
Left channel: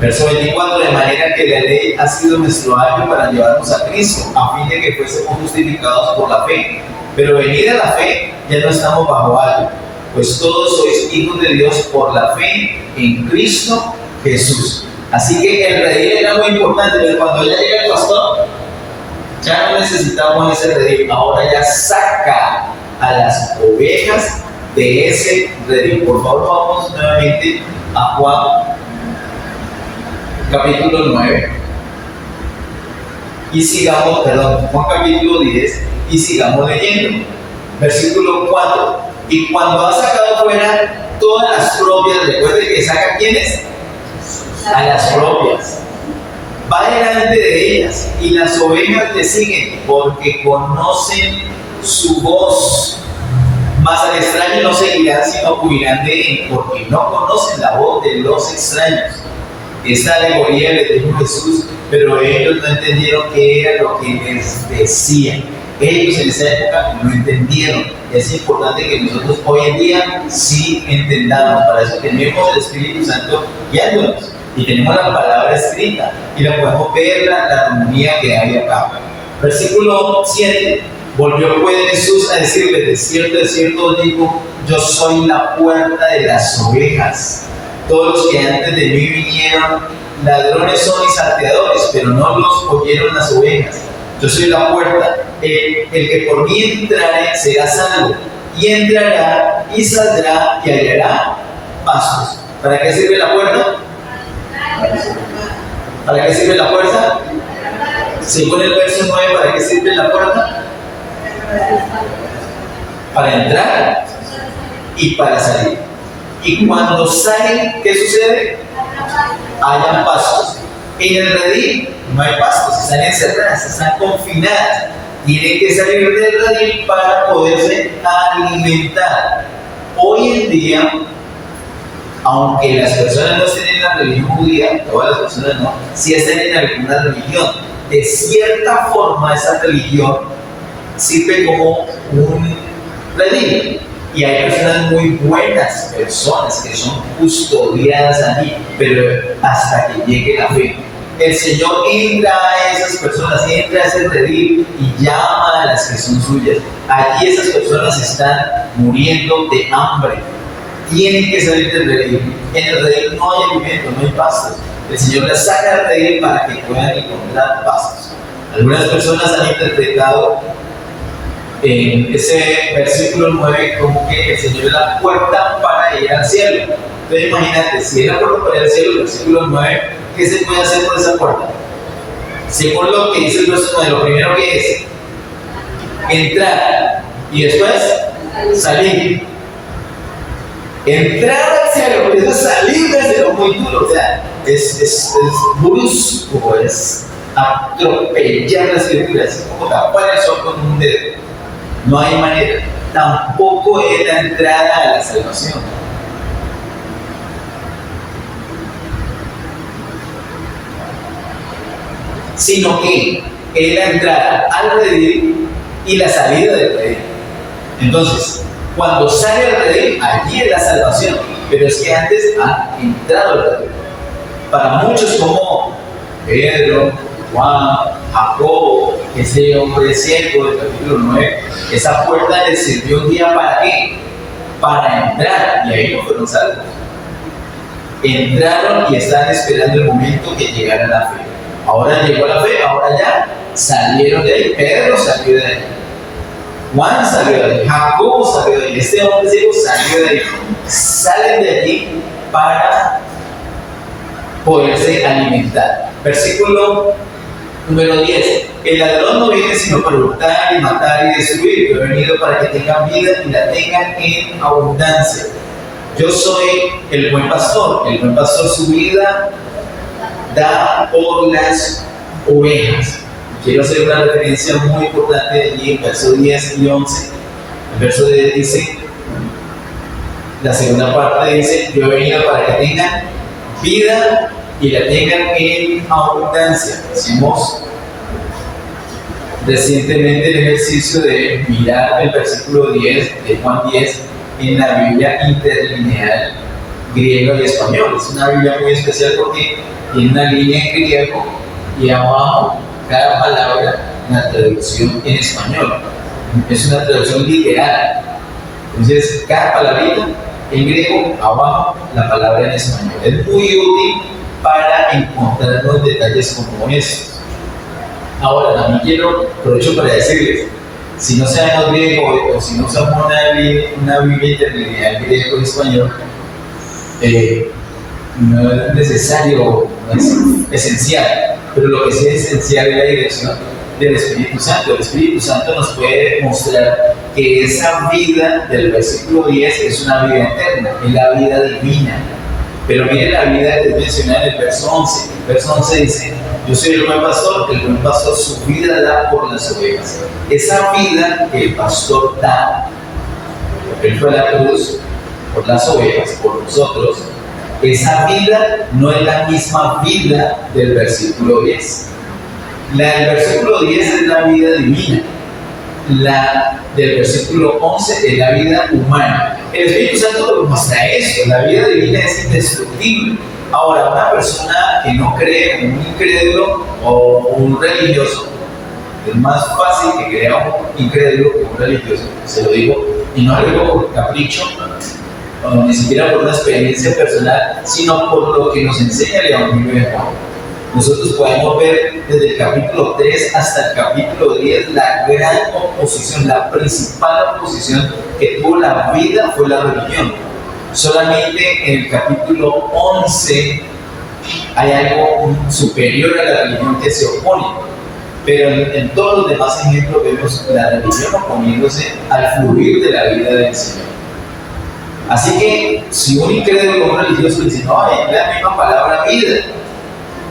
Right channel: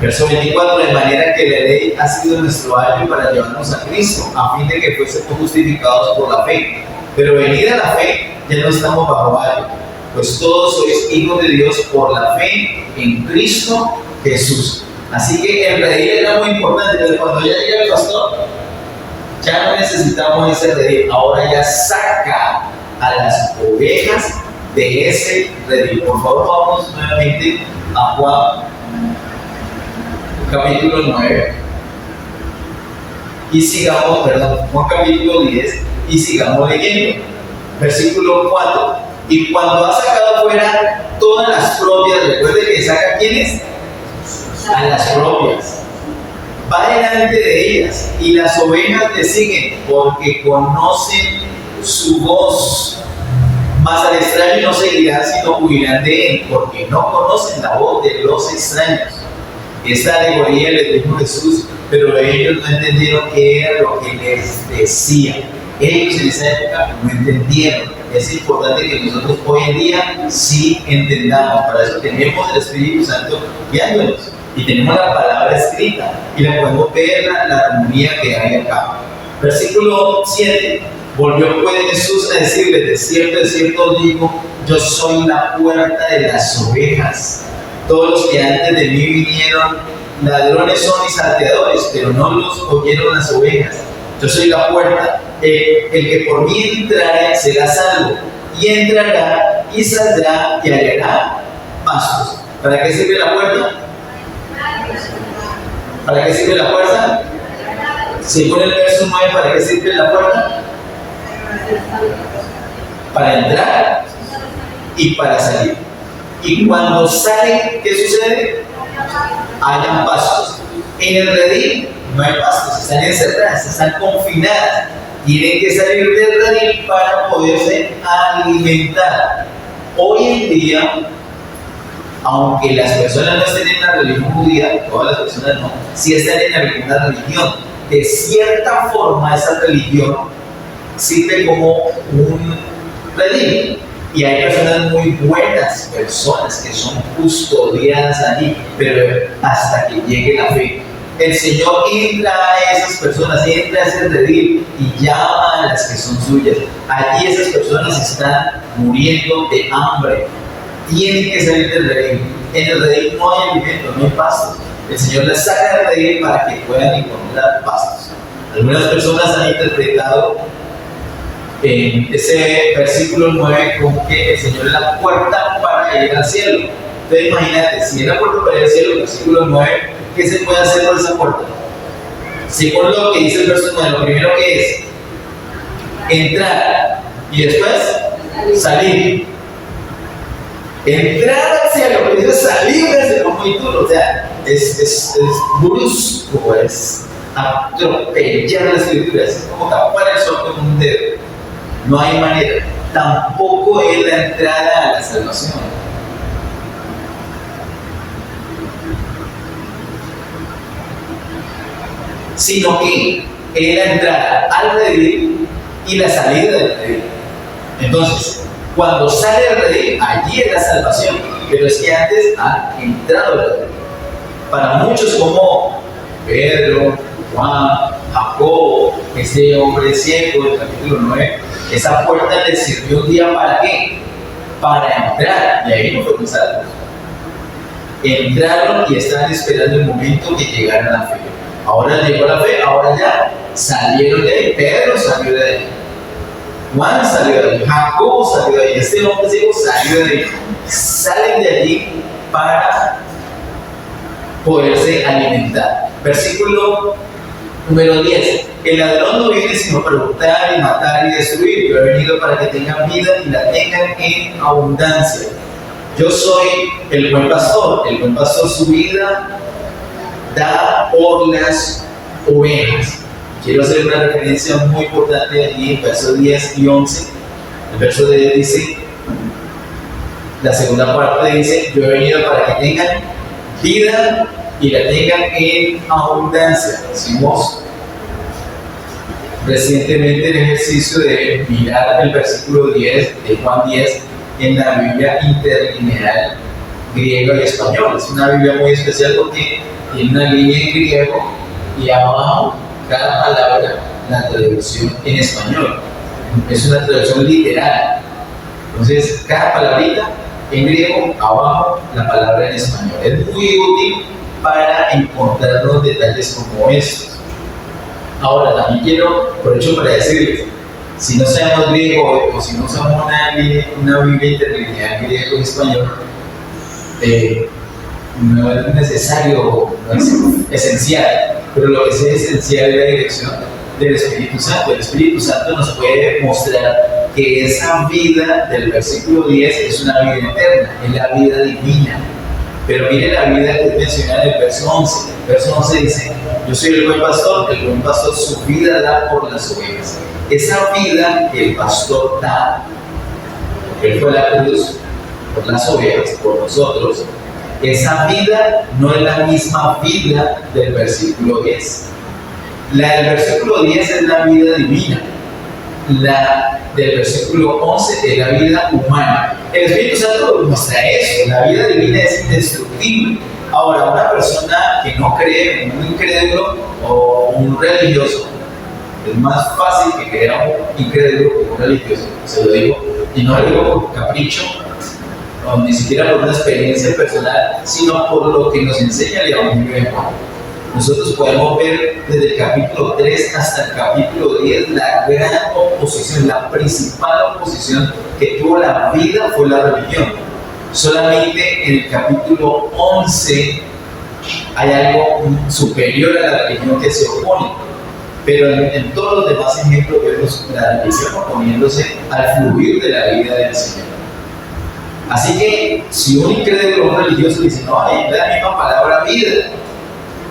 Verso 24, de manera que la ley ha sido nuestro ayo para llevarnos a Cristo, a fin de que fuésemos justificados por la fe. Pero venida la fe, ya no estamos bajo algo, pues todos sois hijos de Dios por la fe en Cristo Jesús. Así que el redil era muy importante, pero cuando ya llega el pastor, ya no necesitamos ese redil, ahora ya saca a las ovejas de ese redil. Por favor, vamos nuevamente a Juan capítulo 9 y sigamos, Juan capítulo 10 y sigamos leyendo. Versículo 4. Y cuando ha sacado fuera todas las propias, recuerde que saca ¿quiénes? A las propias. Va delante de ellas y las ovejas le siguen porque conocen su voz. Mas al extraño no seguirán, sino huirán de él, porque no conocen la voz de los extraños. Esta alegoría les dijo Jesús, pero ellos no entendieron qué era lo que les decía. Ellos en esa época no entendieron. Es importante que nosotros hoy en día sí entendamos. Para eso tenemos el Espíritu Santo guiándonos y tenemos la palabra escrita y la podemos ver la armonía que hay acá. Versículo 7. Volvió pues Jesús a decirles: de cierto os digo, yo soy la puerta de las ovejas. Todos los que antes de mí vinieron, ladrones son y salteadores, pero no los oyeron las ovejas. Yo soy la puerta. El que por mí entrare será salvo, y entrará y saldrá y hallará pastos. ¿Para qué sirve la puerta? ¿Para qué sirve la puerta? Según el verso 9, ¿para qué sirve la puerta? Para entrar y para salir. Y cuando salen, ¿qué sucede? Hayan pastos. En el redil no hay pastos, están encerradas, están confinadas. Tienen que salir del redil para poderse alimentar. Hoy en día, aunque las personas no estén en la religión judía, todas las personas no, sí están en alguna religión. De cierta forma, esa religión sirve como un redil. Y hay personas muy buenas, personas que son custodiadas allí, pero hasta que llegue la fe. El Señor entra a esas personas, entra a ese redil y llama a las que son suyas. Allí esas personas están muriendo de hambre. Tienen que salir del redil. En el redil no hay alimento, no hay pastos. El Señor las saca del redil para que puedan encontrar pastos. Algunas personas han interpretado en ese versículo 9 como que el Señor es la puerta para ir al cielo. Entonces imagínate, si es la puerta para ir al cielo, el versículo 9, ¿qué se puede hacer por esa puerta? Según lo que dice el verso 9, lo primero que es entrar y después salir. Entrar al cielo, pero después salir del cielo muy duro, o sea, es brusco, es atropellar las escrituras, es como tapar el sol con un dedo. No hay manera. Tampoco es la entrada a la salvación. Sino que es la entrada al redil y la salida del redil. Entonces, cuando sale el redil, allí es la salvación. Pero es que antes ha entrado el redil. Para muchos como Pedro, Juan, Jacobo, ese hombre ciego del capítulo 9, esa puerta les sirvió un día ¿para qué? Para entrar, y ahí no fueron salvos. Entraron y estaban esperando el momento que llegara la fe. Ahora llegó la fe, ahora ya salieron de ahí. Pedro salió de ahí, Juan salió de ahí, Jacobo salió de ahí, este hombre ciego salió de ahí. Salen de allí para poderse alimentar. Versículo número 10. El ladrón no viene sino para hurtar y matar y destruir. Yo he venido para que tengan vida y la tengan en abundancia. Yo soy el buen pastor. El buen pastor su vida da por las ovejas. Quiero hacer una referencia muy importante allí en versos 10 y 11. El verso 10 dice, la segunda parte dice: yo he venido para que tengan vida y la tengan en abundancia. Hicimos recientemente el ejercicio de mirar el versículo 10 de Juan 10 en la Biblia interlineal griego y español. Es una Biblia muy especial porque tiene una línea en griego y abajo cada palabra la traducción en español. es una traducción literal. Entonces, cada palabrita en griego, abajo la palabra en español. Es muy útil para encontrar los detalles como estos. Ahora, también quiero, aprovecho para decirles, si no sabemos griego o si no usamos una Biblia interlineal griego y español, no es necesario, no es esencial, pero lo que sí es esencial es la dirección del Espíritu Santo. El Espíritu Santo nos puede mostrar que esa vida del versículo 10 es una vida eterna, es la vida divina. Pero miren la vida que es mencionada en el verso 11. El verso 11 dice: yo soy el buen pastor su vida da por las ovejas. Esa vida que el pastor da, porque él fue a la cruz por las ovejas, por nosotros, esa vida no es la misma vida del versículo 10. La del versículo 10 es la vida divina. La del versículo 11 es la vida humana. El Espíritu Santo muestra eso. La vida divina es indestructible. Ahora, una persona que no cree, un incrédulo o un religioso, es más fácil que crea un incrédulo que un religioso. Se lo digo, y no lo digo por capricho, o ni siquiera por una experiencia personal, sino por lo que nos enseña el Evangelio de Juan. Nosotros podemos ver desde el capítulo 3 hasta el capítulo 10 la gran oposición, la principal oposición que tuvo la vida fue la religión. Solamente en el capítulo 11 hay algo superior a la religión que se opone, pero en todos los demás ejemplos vemos la religión oponiéndose al fluir de la vida del Señor. Así que si un incrédulo o un religioso dice: no, es la misma palabra vida,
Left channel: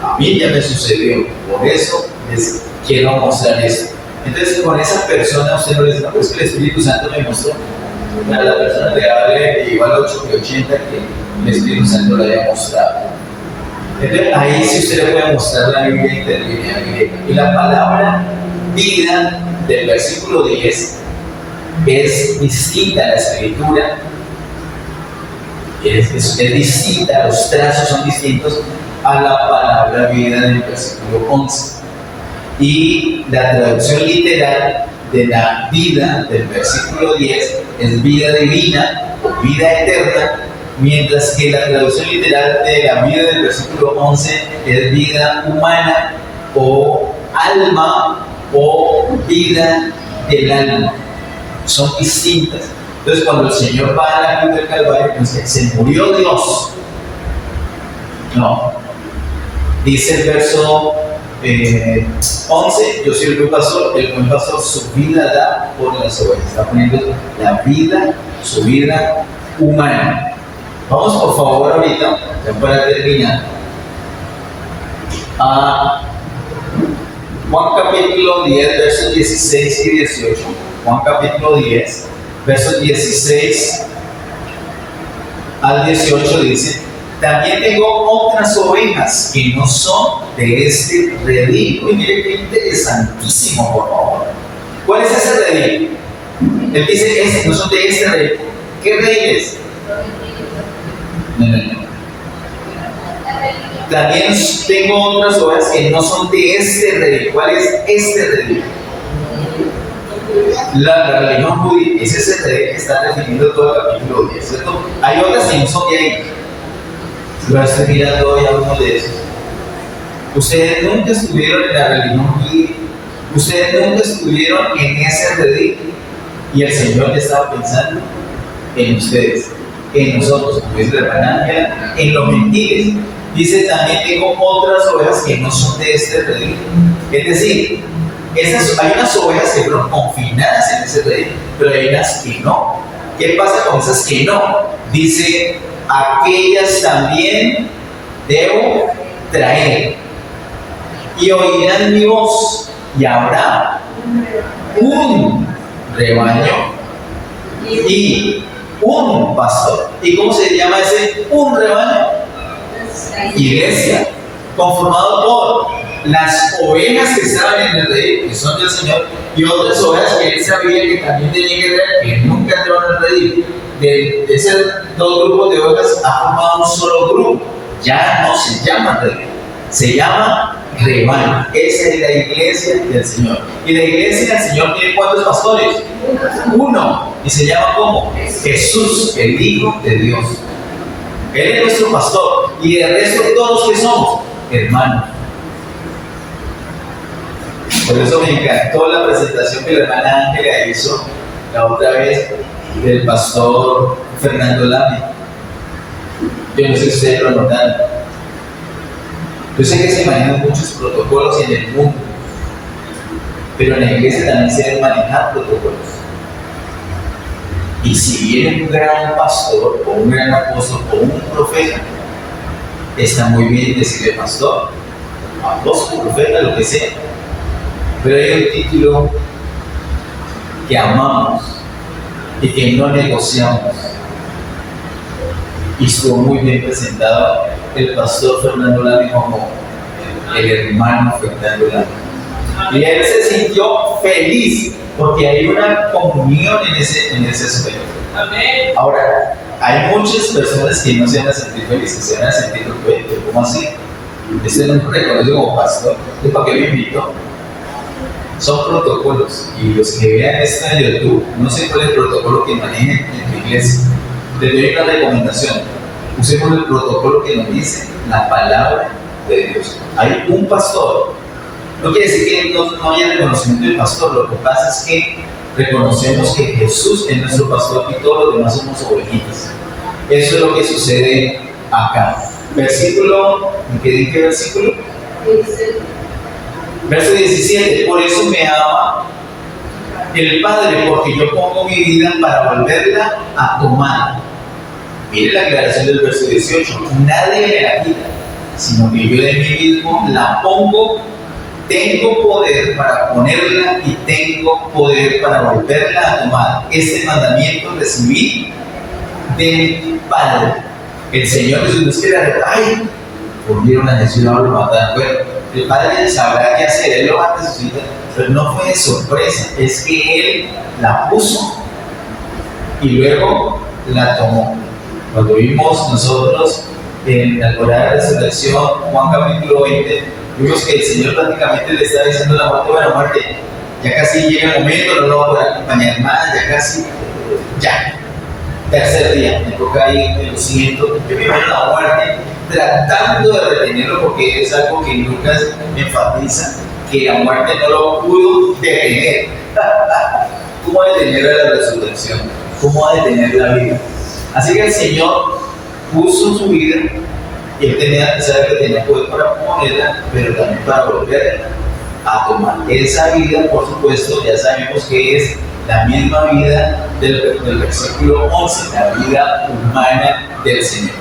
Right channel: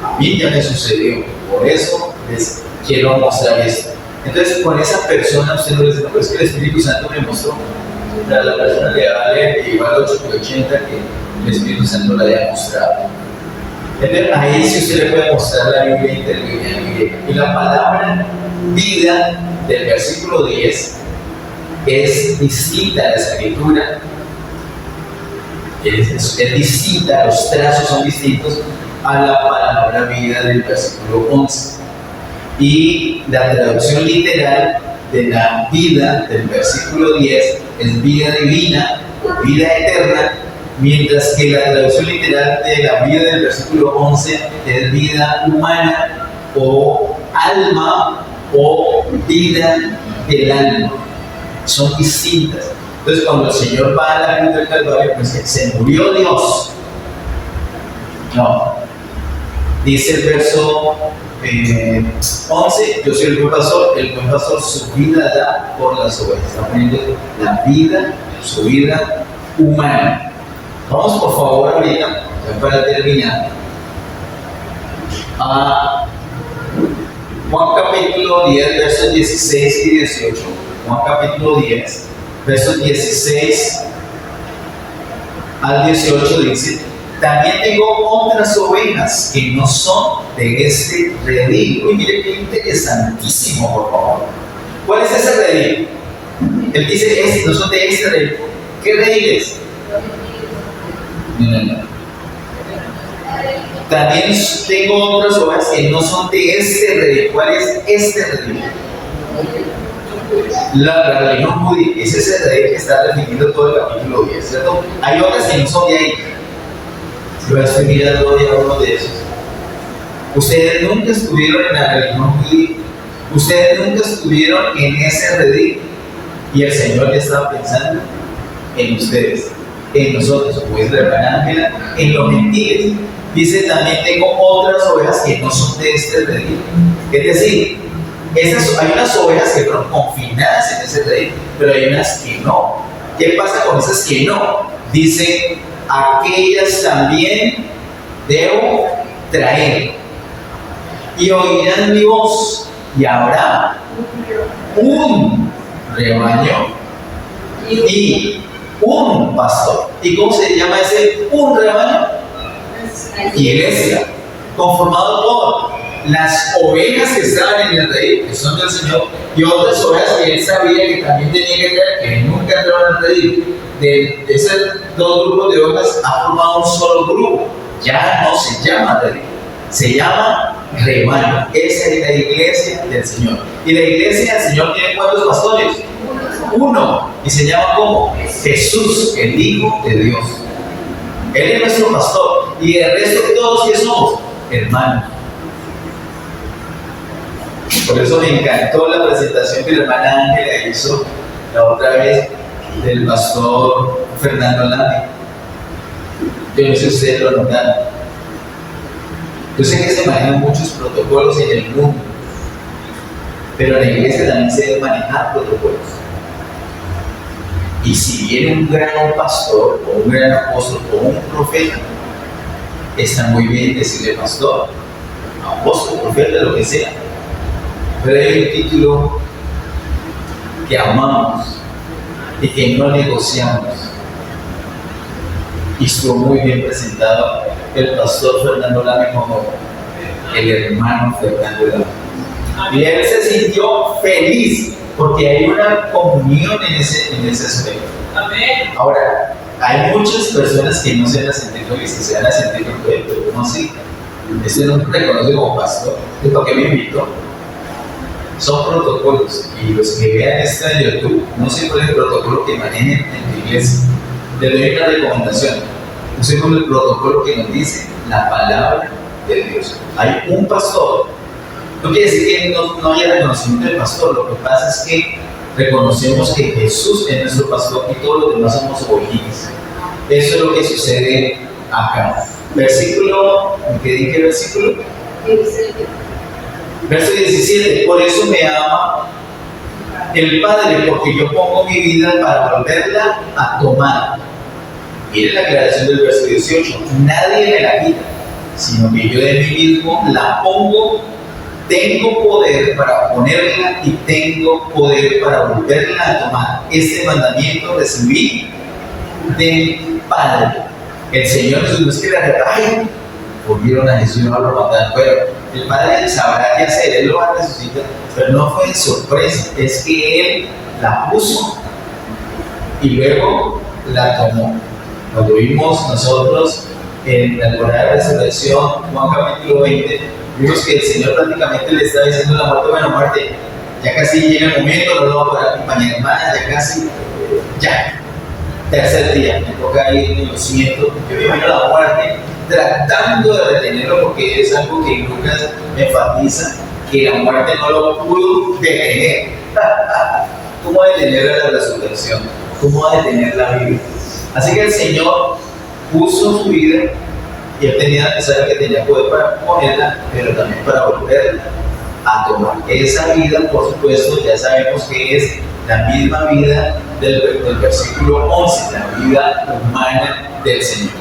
a mí ya me sucedió, por eso les quiero mostrar esto. Entonces, con esa persona usted no le dice: no, pero es que el Espíritu Santo me mostró. Pero la persona le hable igual a 8 que 80 que el Espíritu Santo le haya mostrado. Entonces, ahí sí usted le puede mostrar la Biblia interlineal griega. Y la palabra vida del versículo 10 es distinta a la escritura, es distinta, los trazos son distintos a la palabra vida del versículo 11. Y la traducción literal de la vida del versículo 10 es vida divina o vida eterna, mientras que la traducción literal de la vida del versículo 11 es vida humana o alma o vida del alma. Son distintas. Entonces, cuando el Señor va a la cruz del Calvario, pues se murió Dios. No. Dice el verso 11: yo soy el buen pastor su vida da por las ovejas. Está poniendo la vida, su vida humana. Vamos por favor ahorita, para terminar, a Juan capítulo 10, versos 16 y 18. Juan capítulo 10, versos 16 al 18 dice: también tengo otras ovejas que no son de este redil. Y mire qué interesantísimo, por favor. ¿Cuál es ese redil? Él dice: no son de este redil. ¿Qué redil es? No. También tengo otras ovejas que no son de este redil. ¿Cuál es este redil? La religión judía es ese redil que está refiriendo todo el capítulo 10, ¿cierto? Hay otras que no son de ahí. Pero estoy mirando hoy a uno de esos. Ustedes nunca estuvieron en la religión judía. Ustedes nunca estuvieron en ese redil. Y el Señor estaba pensando en ustedes, en nosotros, como dice la hermana Ángela, en los gentiles. Dice: también tengo otras ovejas que no son de este redil. Es decir, hay unas ovejas que fueron confinadas en ese redil, pero hay unas que no. ¿Qué pasa con esas que no? Dice: aquellas también debo traer, y oirán mi voz, y habrá un rebaño y un pastor. ¿Y cómo se llama ese un rebaño? Iglesia, conformado por las ovejas que estaban en el redil, que son del Señor, y otras ovejas que él sabía que también tenía que traer, que nunca entraron en el redil. De esos dos grupos de ovejas ha formado un solo grupo, ya no se llama redil. Se llama rebaño. Esa es la iglesia del Señor. Y la iglesia del Señor tiene ¿cuántos pastores? Uno. Y se llama ¿cómo? Jesús, el Hijo de Dios. Él es nuestro pastor. Y el resto de todos, ¿qué somos? Hermanos. Por eso me encantó la presentación que la hermana Ángela hizo la otra vez del pastor Fernando Lamy. Yo no sé si ustedes lo notaron. Yo sé que se manejan muchos protocolos en el mundo, pero en la iglesia también se deben manejar protocolos. Y si viene un gran pastor, o un gran apóstol, o un profeta, está muy bien decirle pastor, apóstol, profeta, lo que sea. Pero hay un título que amamos y que no negociamos. Y estuvo muy bien presentado el pastor Fernando Lamy como el hermano Fernando Lamy. Y él se sintió feliz porque hay una comunión en ese aspecto. Amén. Ahora, hay muchas personas que no se van a sentir felices, se van a sentir felices. ¿Cómo así? Este no me reconoce como pastor. ¿Es para qué me invitó? Son protocolos. Y los que vean esto en YouTube, no sé cuál es el protocolo que manejen en tu iglesia. Le doy una recomendación. Usemos el protocolo que nos dice la palabra de Dios. Hay un pastor. No quiere decir que no haya reconocimiento del pastor. Lo que pasa es que reconocemos que Jesús es nuestro pastor y todos los demás somos ovejitas. Eso es lo que sucede acá. Versículo, ¿qué versículo? Verso 17. Por eso me ama el Padre, porque yo pongo mi vida para volverla a tomar. Mire la aclaración del verso 18. Nadie me la quita, sino que yo de mí mismo la pongo. Tengo poder para ponerla y tengo poder para volverla a tomar. Este mandamiento recibí del Padre. El Señor Jesús no es que ay, volvieron a Jesús y ahora lo mataron. Pero el Padre sabrá qué hacer, Él lo va a resucitar. Pero no fue de sorpresa, es que Él la puso y luego la tomó. Cuando vimos nosotros en la temporada de resurrección, Juan capítulo 20, vimos que el Señor prácticamente le está diciendo a la muerte: bueno, muerte, ya casi llega el momento, no lo voy a poder acompañar más, ya casi, ya. Tercer día, me toca ir, lo siento. Yo me imagino la muerte tratando de retenerlo, porque es algo que Lucas me enfatiza, que la muerte no lo pudo detener. ¿Cómo detener la resurrección? ¿Cómo detener la vida? Así que el Señor puso su vida y Él tenía que saber que tenía poder para ponerla, pero también para volverla a tomar. Esa vida, por supuesto, ya sabemos que es la misma vida del versículo 11, la vida humana del Señor.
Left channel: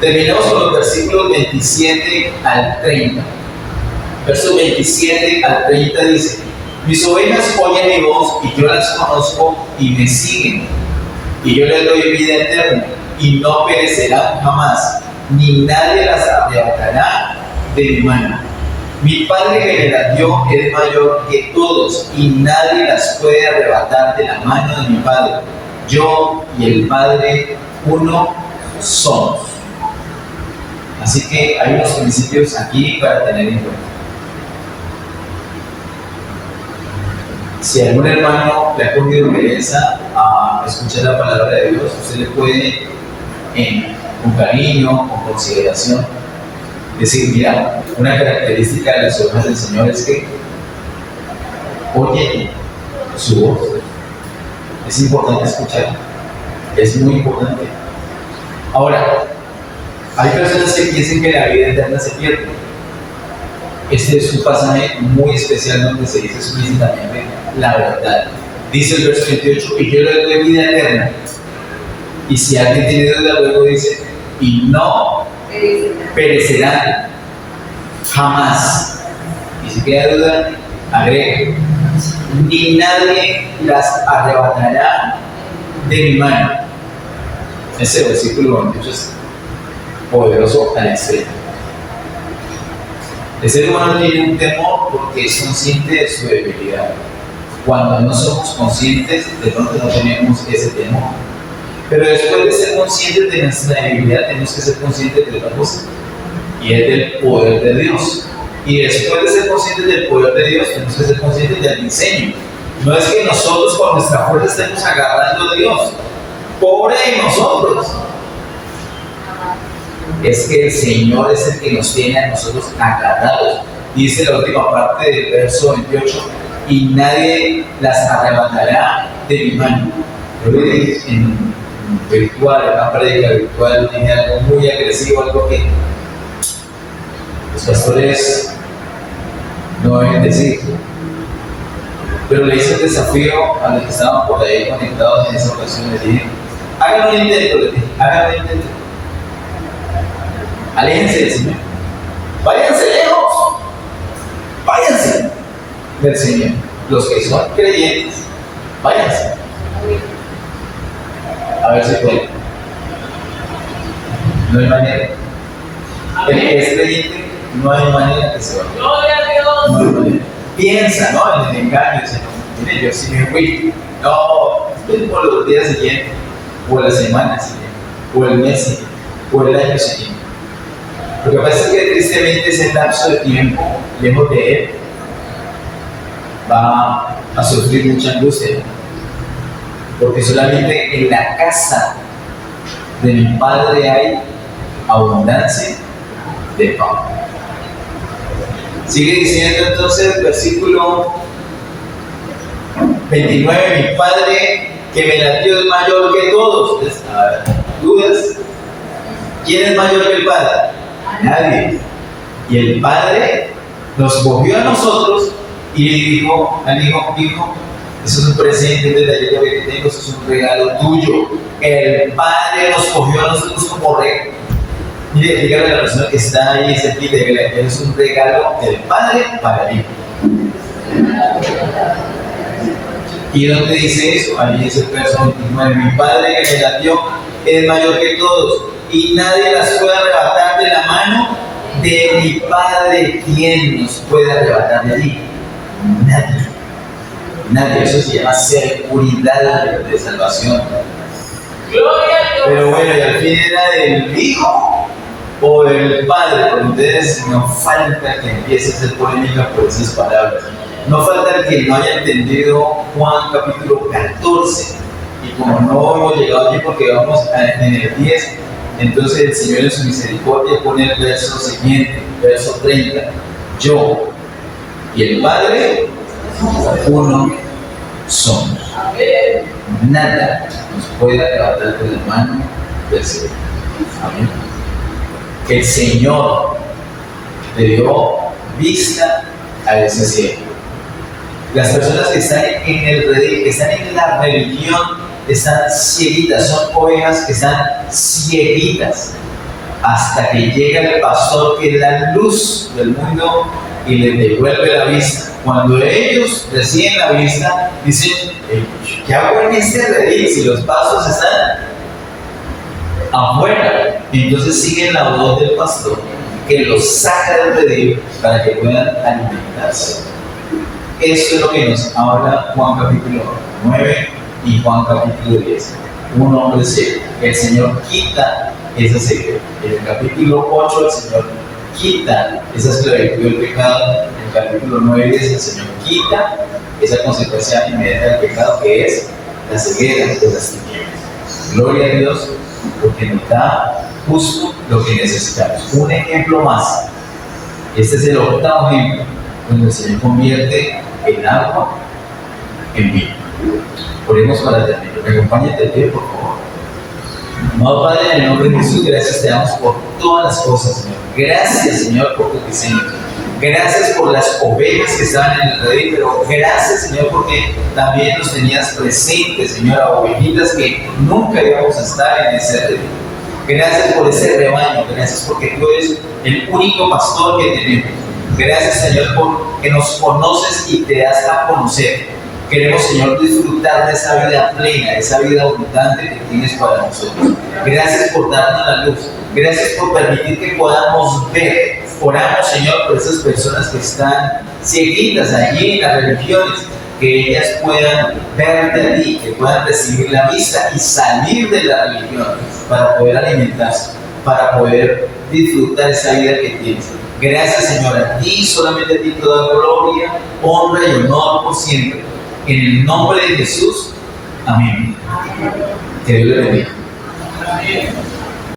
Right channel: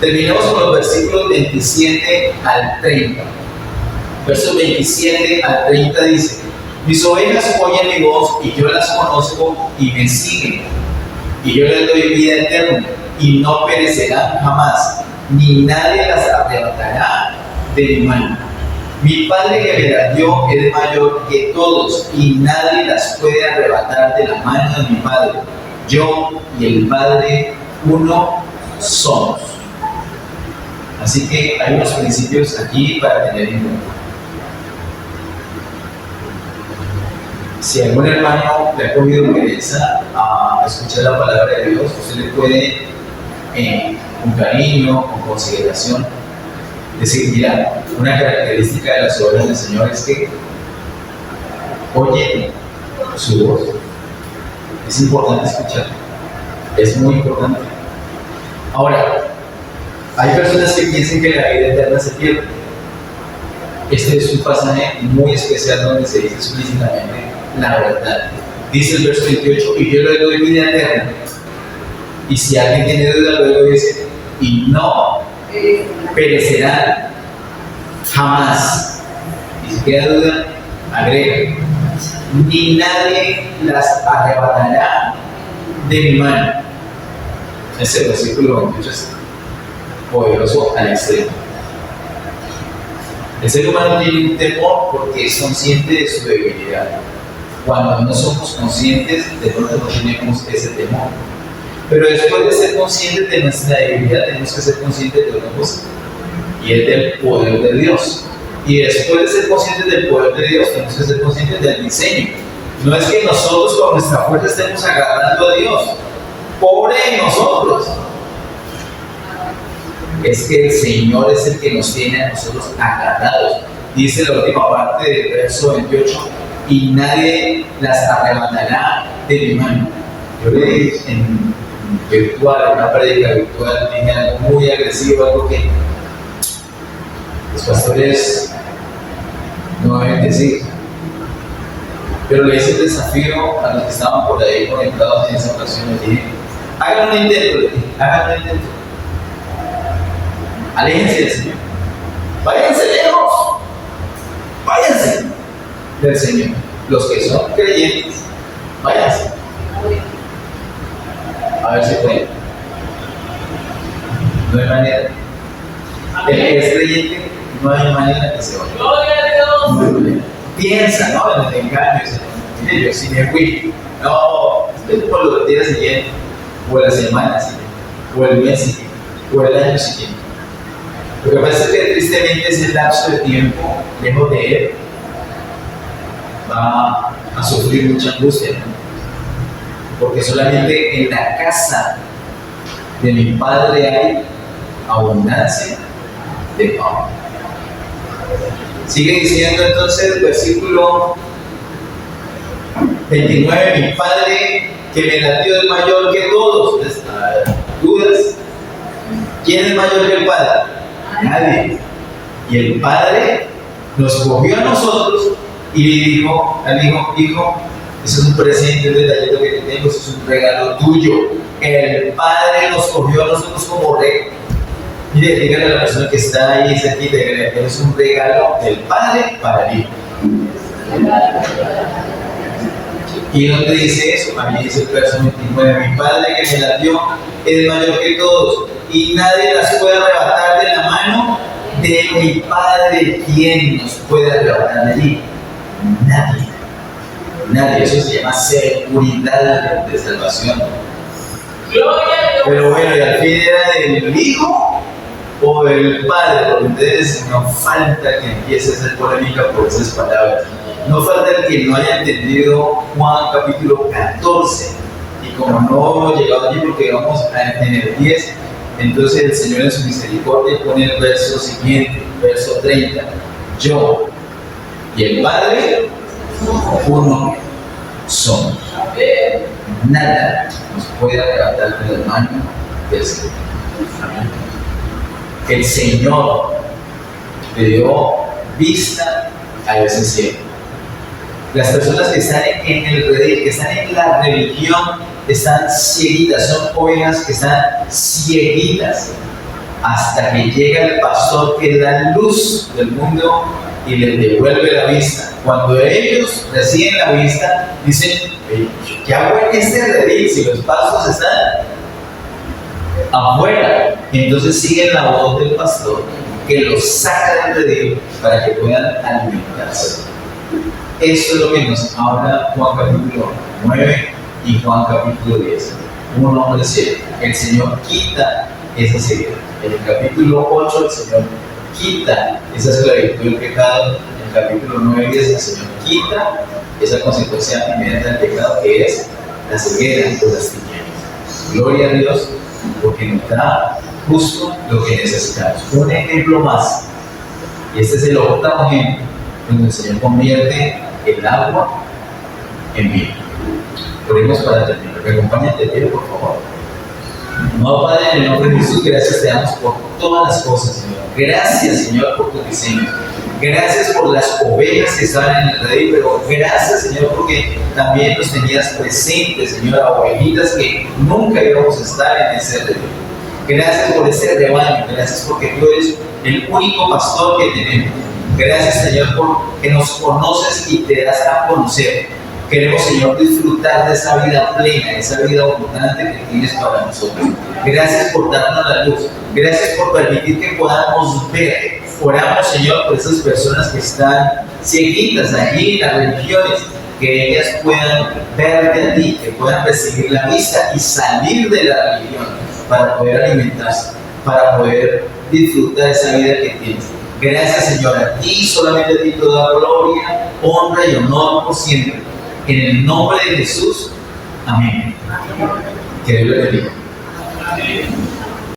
Terminamos con los versículos 27 al 30. Versos 27 al 30 dice: mis ovejas oyen mi voz y yo las conozco y me siguen. Y yo les doy vida eterna y no perecerán jamás, ni nadie las arrebatará de mi mano. Mi Padre que me las dio es mayor que todos y nadie las puede arrebatar de la mano de mi Padre. Yo y el Padre uno somos. Así que hay unos principios aquí para tener en cuenta. Si algún hermano le ha cogido pereza a escuchar la palabra de Dios, usted le puede, con cariño, con consideración, decir: mira, una característica de las obras del Señor es que oye su voz. Es importante escuchar, es muy importante. Ahora, hay personas que piensan que la vida eterna se pierde. Este es un pasaje muy especial donde se dice explícitamente la verdad. Dice el verso 28: y yo le doy vida eterna. Y si alguien tiene duda, luego dice: y no perecerán jamás. Y si queda duda, agrega: ni nadie las arrebatará de mi mano. Ese versículo 28 es poderoso al extremo. El ser humano tiene un temor porque es consciente de su debilidad. Cuando no somos conscientes, de pronto no tenemos ese temor. Pero después de ser conscientes de nuestra debilidad, tenemos que ser conscientes de una cosa: y es del poder de Dios. Y después de ser conscientes del poder de Dios, tenemos que ser conscientes del diseño. No es que nosotros con nuestra fuerza estemos agradando a Dios. Pobre de nosotros. Es que el Señor es el que nos tiene a nosotros agarrados. Dice la última parte del verso 28, y nadie las arrebatará de mi mano. Yo le dije en virtual, en una prédica virtual, dije algo muy agresivo, algo que los pastores no deben decir. Pero le hice el desafío a los que estaban por ahí conectados en esa ocasión. Les dije, hagan un intento, les dije, hagan un intento. Aléjense del Señor. Váyanse lejos. Váyanse del Señor. Los que son creyentes, váyanse. A ver si pueden. No hay manera. El que es creyente, no hay manera que se vaya. Gloria a Dios. No hay manera. Piensa, ¿no? En el engaño. Mire, yo sí me fui. No, es por los días siguientes, o la semana siguiente, o el mes siguiente, o el año siguiente. Lo que pasa es que tristemente ese lapso de tiempo, lejos de Él, va a sufrir mucha angustia, ¿no? Porque solamente en la casa de mi Padre hay abundancia de pan. Sigue diciendo entonces el versículo 29, mi Padre que me latió es mayor que todos. ¿Dudas? ¿Quién es mayor que el Padre? Nadie. Y el Padre nos cogió a nosotros y dijo al hijo, eso es un presente, un detallito que te tengo, eso es un regalo tuyo. El Padre nos cogió a nosotros como regalo. Mire, dígale a la persona que está ahí cerquita, que es un regalo del Padre para el Hijo. ¿Y dónde dice eso? Allí dice el verso 29, mi Padre que me latió es mayor que todos, y nadie las puede arrebatar de la mano de mi Padre. ¿Quién nos puede arrebatar de allí? Nadie. Nadie. Eso se llama seguridad de salvación. Gloria a Dios. Pero bueno, y al fin era del Hijo o del Padre, porque ustedes no falta que empiece a hacer polémica por esas palabras. No falta que no haya entendido Juan capítulo 14. Y como no hemos llegado allí porque vamos en el 10, entonces el Señor en su misericordia pone el verso siguiente, verso 30. Yo y el Padre, uno somos. Nada nos puede arrebatar de la mano del Señor. Amén. El Señor le dio vista a ese cielo. Las personas que están en el redil, que están en la religión, están cieguitas, son ovejas que están cieguitas hasta que llega el pastor que es la luz del mundo y les devuelve la vista. Cuando ellos reciben la vista, dicen, ¿qué hago en este redil si los pasos están afuera? Entonces siguen la voz del pastor que los saca del redil para que puedan alimentarse. Esto es lo que nos habla Juan capítulo 9 y Juan capítulo 10. Un hombre ciego. El Señor quita esa ceguera. En el capítulo 8 el Señor quita esa esclavitud del pecado. En el capítulo 9 y 10 el Señor quita esa consecuencia inmediata del pecado que es la ceguera de las tinieblas. Gloria a Dios porque nos da justo lo que necesitamos. Un ejemplo más. Este es el octavo ejemplo donde el Señor convierte el agua en vino. Oremos para terminar. Me acompaña de pie, por favor. Amado Padre, en el nombre de Jesús, gracias te damos por todas las cosas, Señor. Gracias, Señor, por tus diseños. Gracias por las ovejas que estaban en el redil, pero gracias, Señor, porque también nos tenías presentes, Señor, a ovejitas que nunca íbamos a estar en ese redil. Gracias por ese rebaño. Gracias porque tú eres el único pastor que tenemos. Gracias, Señor, porque nos conoces y te das a conocer. Queremos, Señor, disfrutar de esa vida plena, de esa vida abundante que tienes para nosotros. Gracias por darnos la luz. Gracias por permitir que podamos ver. Oramos, Señor, por esas personas que están cieguitas allí en las religiones, que ellas puedan verte a ti, que puedan recibir la vista y salir de la religión para poder alimentarse, para poder disfrutar esa vida que tienes. Gracias, Señor, a ti, solamente a ti toda gloria, honra y honor por siempre. En el nombre de Jesús, amén. Que Dios le bendiga. Amén.